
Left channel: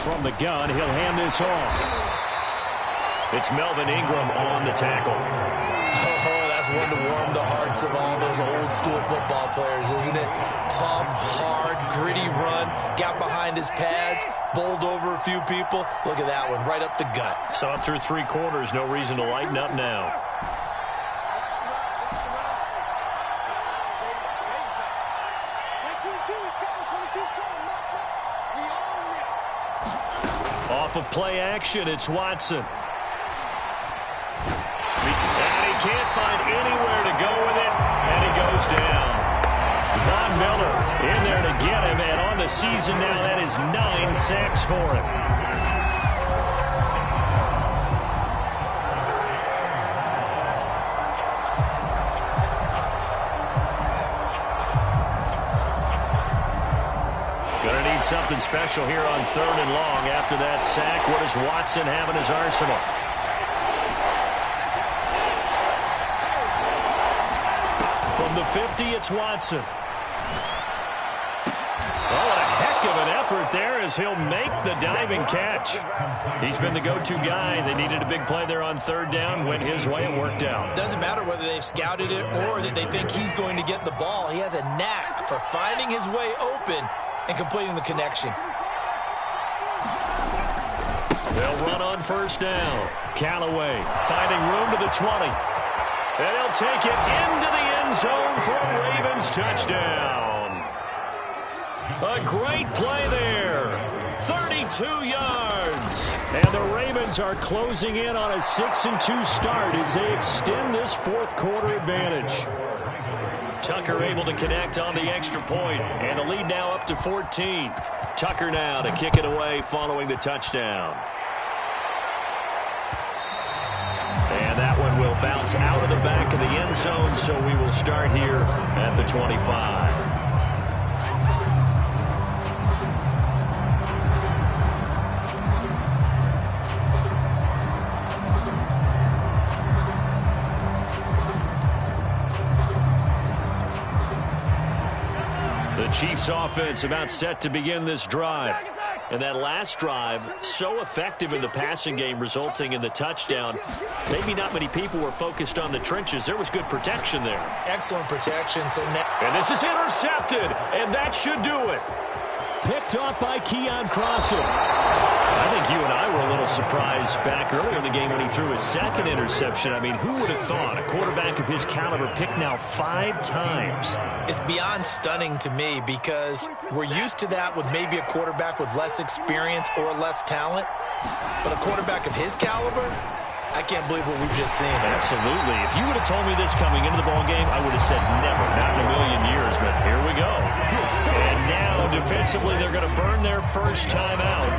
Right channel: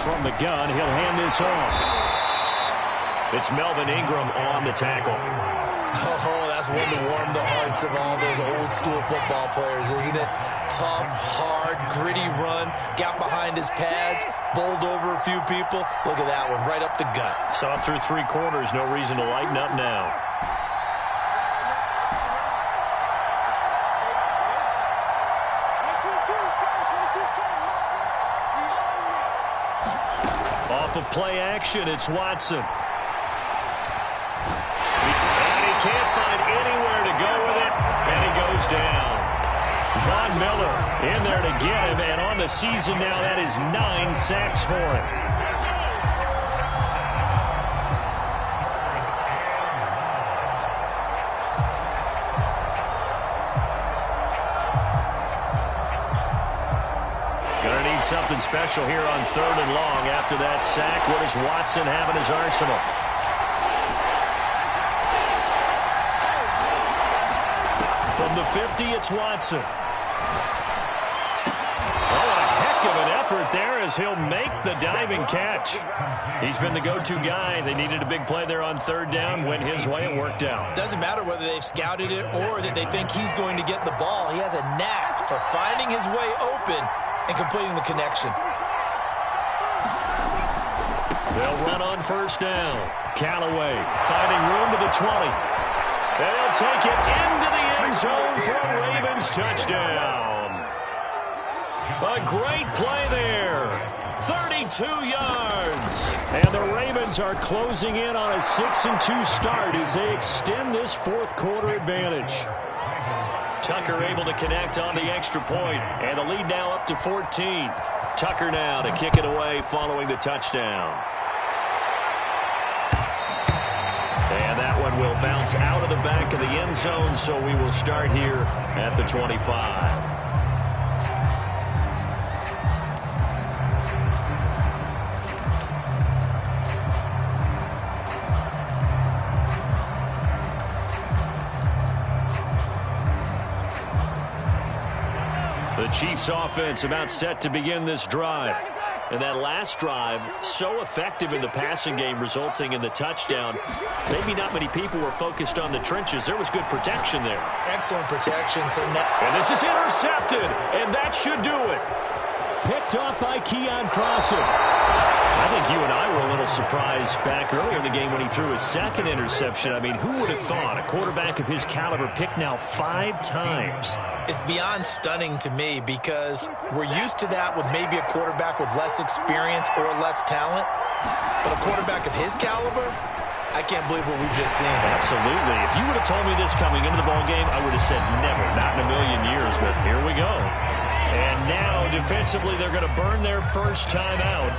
From the gun, he'll hand this off. It's Melvin Ingram on the tackle. Oh, that's one to warm the hearts of all those old school football players, isn't it? Tough, hard, gritty run. Got behind his pads, bowled over a few people. Look at that one, right up the gut. Saw it through 3 quarters. No reason to lighten up now. Off of play action, it's Watson. And he can't find anywhere to go with it, and he goes down. Von Miller in there to get him, and on the season now, that is 9 sacks for him. Going to need something special here on 3rd and long after that sack. What does Watson have in his arsenal? From the 50, it's Watson. Oh, what a heck of an effort there there as he'll make the diving catch. He's been the go-to guy. They needed a big play there on third down. Went his way. It worked out. Doesn't matter whether they've scouted it or that they think he's going to get the ball. He has a knack for finding his way open and completing the connection. They'll run on first down. Callaway finding room to the 20. And he'll take it into the end zone for a Ravens touchdown. A great play there. 32 yards. And the Ravens are closing in on a 6-2 start as they extend this fourth quarter advantage. Tucker able to connect on the extra point, and the lead now up to 14. Tucker now to kick it away following the touchdown. And that one will bounce out of the back of the end zone, so we will start here at the 25. The Chiefs offense about set to begin this drive. And that last drive, so effective in the passing game, resulting in the touchdown. Maybe not many people were focused on the trenches. There was good protection there. Excellent protection. So now, and this is intercepted, and that should do it. Picked off by Keon Crossan. I think you and I were a little surprised back earlier in the game when he threw his second interception. I mean, who would have thought a quarterback of his caliber picked now 5 times? It's beyond stunning to me because we're used to that with maybe a quarterback with less experience or less talent. But a quarterback of his caliber, I can't believe what we've just seen. Absolutely. If you would have told me this coming into the ball game, I would have said never, not in a million years. But here we go. And now defensively, they're going to burn their first time out.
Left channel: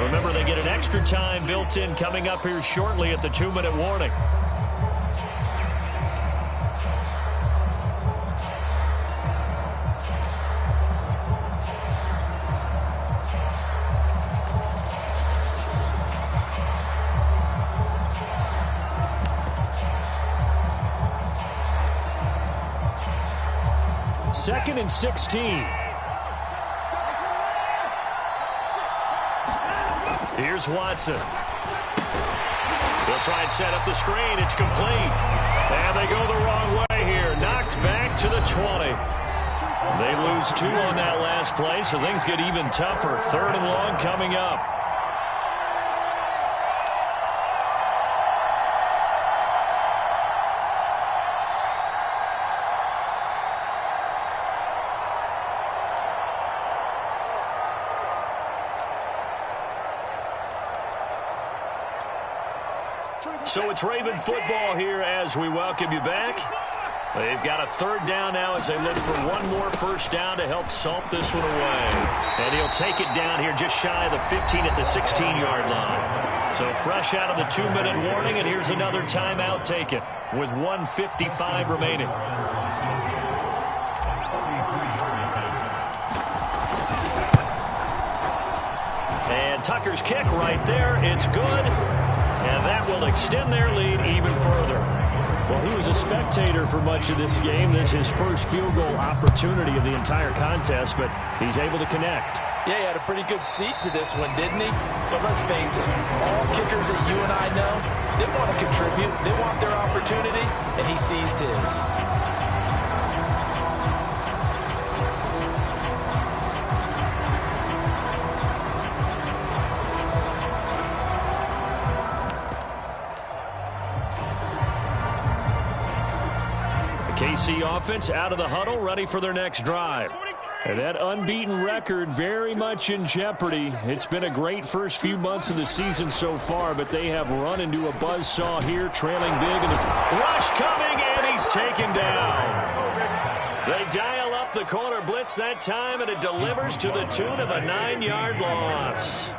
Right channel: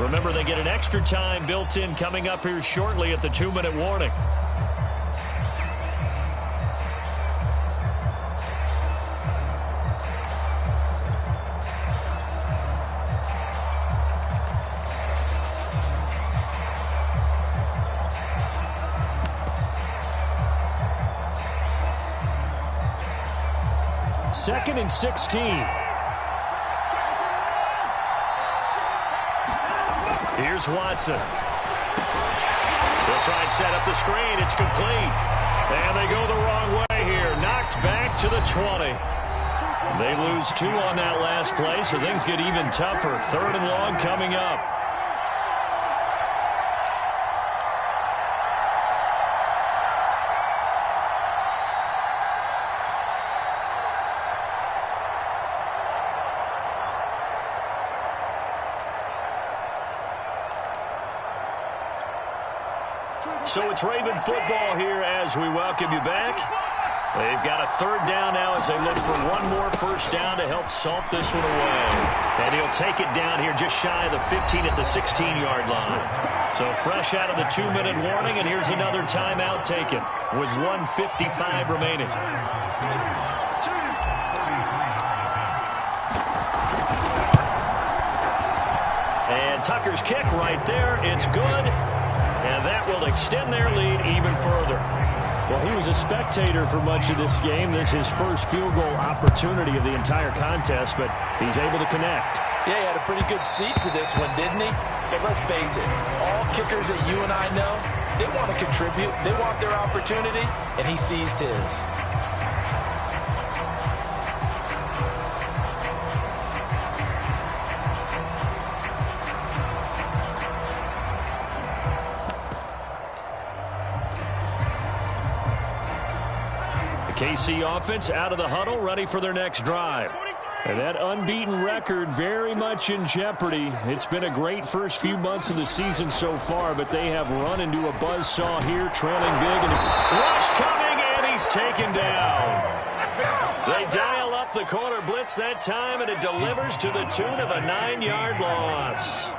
Remember, they get an extra time built in coming up here shortly at the 2-minute warning. Second and 16. Here's Watson. They'll try and set up the screen. It's complete. And they go the wrong way here. Knocked back to the 20. They lose 2 on that last play, so things get even tougher. 3rd and long coming up. So it's Raven football here as we welcome you back. They've got a 3rd down now as they look for one more first down to help salt this one away. And he'll take it down here just shy of the 15 at the 16-yard line. So fresh out of the 2-minute warning, and here's another timeout taken with 1:55 remaining. And Tucker's kick right there. It's good. And that will extend their lead even further. Well, he was a spectator for much of this game. This is his first field goal opportunity of the entire contest, but he's able to connect. Yeah, he had a pretty good seat to this one, didn't he? But let's face it, all kickers that you and I know, they want to contribute. They want their opportunity, and he seized his. KC offense out of the huddle, ready for their next drive. And that unbeaten record very much in jeopardy. It's been a great first few months of the season so far, but they have run into a buzzsaw here, trailing big. And rush coming, and he's taken down. They dial up the corner blitz that time, and it delivers to the tune of a 9-yard loss.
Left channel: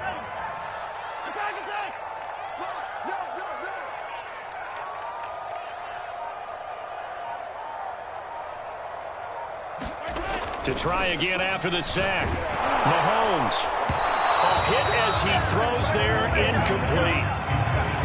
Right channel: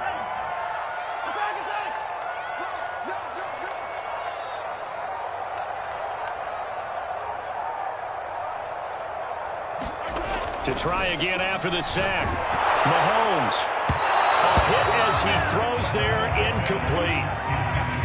To try again after the sack. Mahomes. A hit as he throws there, incomplete.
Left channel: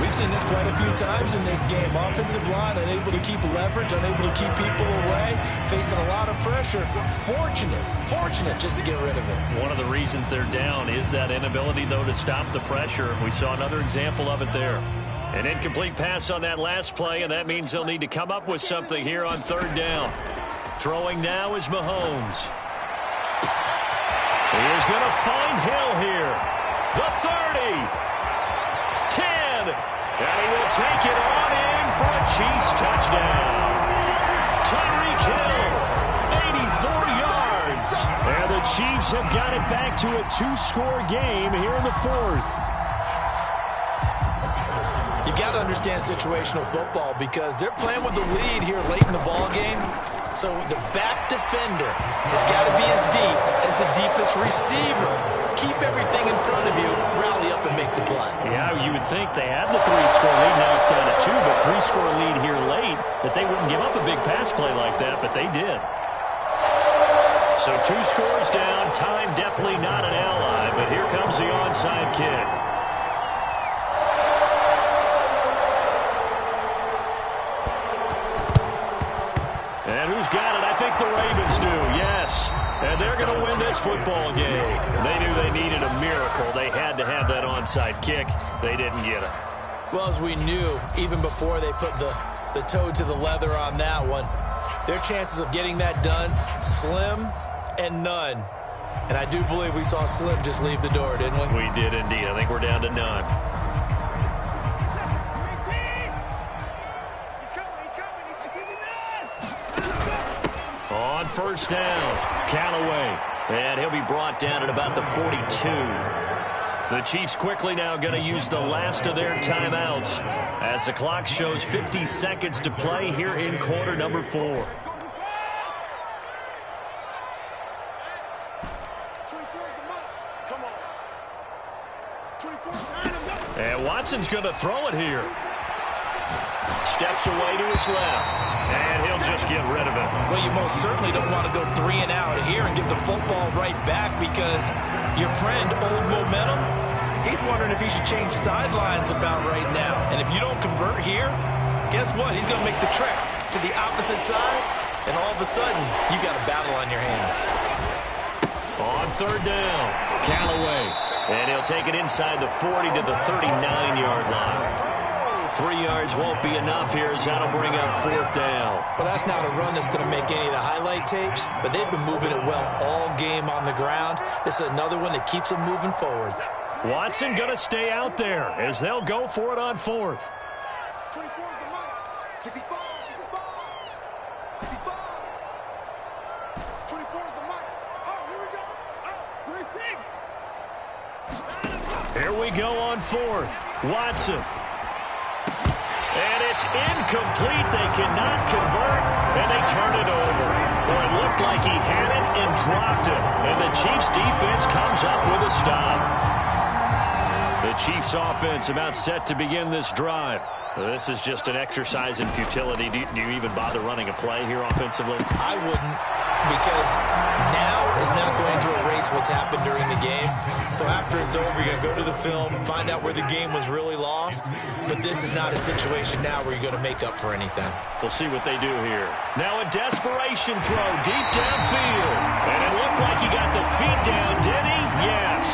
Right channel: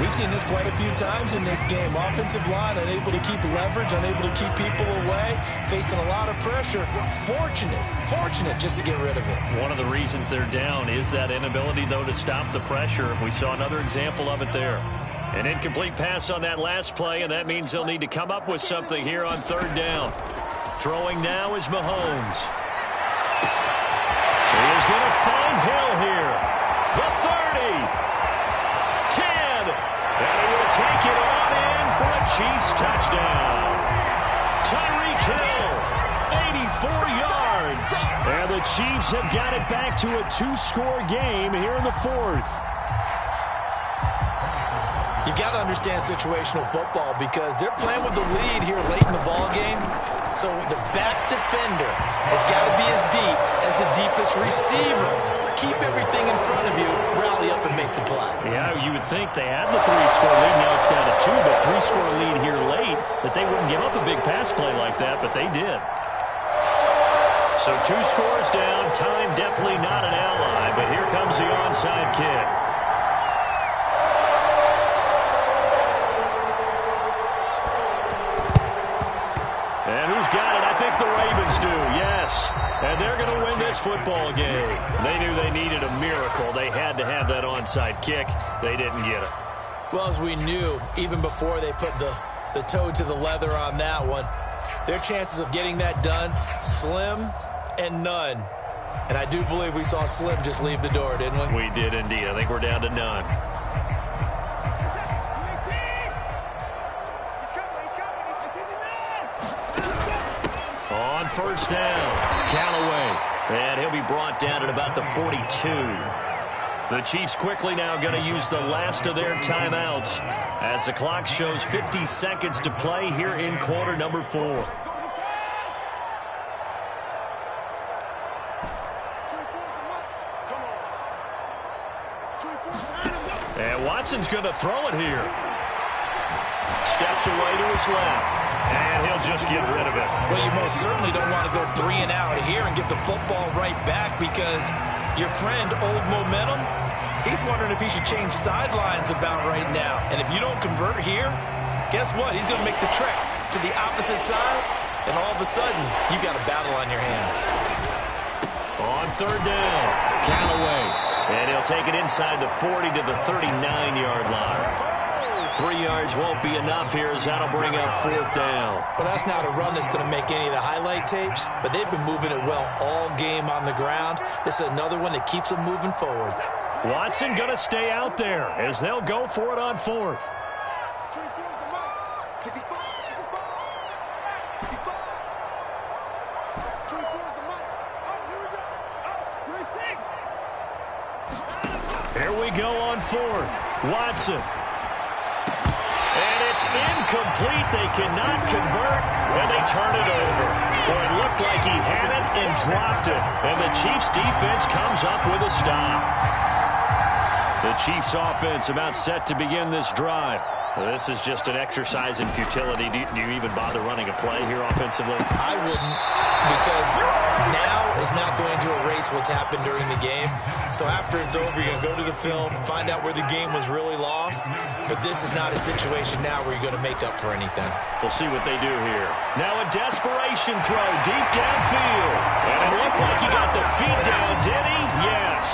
We've seen this quite a few times in this game. Offensive line unable to keep leverage, unable to keep people away, facing a lot of pressure. Fortunate just to get rid of it. One of the reasons they're down is that inability, though, to stop the pressure. We saw another example of it there. An incomplete pass on that last play, and that means they'll need to come up with something here on third down. Throwing now is Mahomes. He is going to find Hill here. The 30. 10. And he will take it on in for a Chiefs touchdown. Tyreek Hill, 84 yards. And the Chiefs have got it back to a two-score game here in the fourth. You've got to understand situational football because they're playing with the lead here late in the ball game. So the back defender has got to be as deep as the deepest receiver. Keep everything in front of you, rally up and make the play. Yeah, you would think they had the three-score lead. Now it's down to two, but three-score lead here late, that they wouldn't give up a big pass play like that, but they did. So 2 scores down. Time definitely not an ally, but here comes the onside kick. And who's got it? I think the Ravens do, yes. And they're going to win this football game. They knew they needed a miracle. They had to have that onside kick. They didn't get it. Well, as we knew, even before they put the toe to the leather on that one, their chances of getting that done, slim and none. And I do believe we saw Slim just leave the door, didn't we? We did indeed. I think we're down to none. On first down, Callaway. And he'll be brought down at about the 42. The Chiefs quickly now going to use the last of their timeouts as the clock shows 50 seconds to play here in quarter number 4. And Watson's going to throw it here. Steps away to his left. And he'll just get rid of it. Well, you most certainly don't want to go 3 and out here and give the football right back because your friend, Old Momentum, he's wondering if he should change sidelines about right now. And if you don't convert here, guess what? He's going to make the trek to the opposite side, and all of a sudden, you got a battle on your hands. On third down, Callaway. And he'll take it inside the 40 to the 39-yard line. 3 yards won't be enough here as that'll bring up fourth down. Well, that's not a run that's going to make any of the highlight tapes, but they've been moving it well all game on the ground. This is another one that keeps them moving forward. Watson going to stay out there as they'll go for it on fourth. 24 is the mic. 65. 65. 24 is the mic. Oh, here we go. Oh, 26. Here we go on fourth. Watson. And it's incomplete. They cannot convert, and they turn it over. Boy, it looked like he had it and dropped it. And the Chiefs' defense comes up with a stop. The Chiefs' offense about set to begin this drive. This is just an exercise in futility. Do you even bother running a play here offensively? I wouldn't, because now is not going to erase what's happened during the game. So after it's over, you're going to go to the film, find out where the game was really lost. But this is not a situation now where you're going to make up for anything. We'll see what they do here. Now a desperation throw deep downfield. And it looked like he got the feet down, did he? Yes.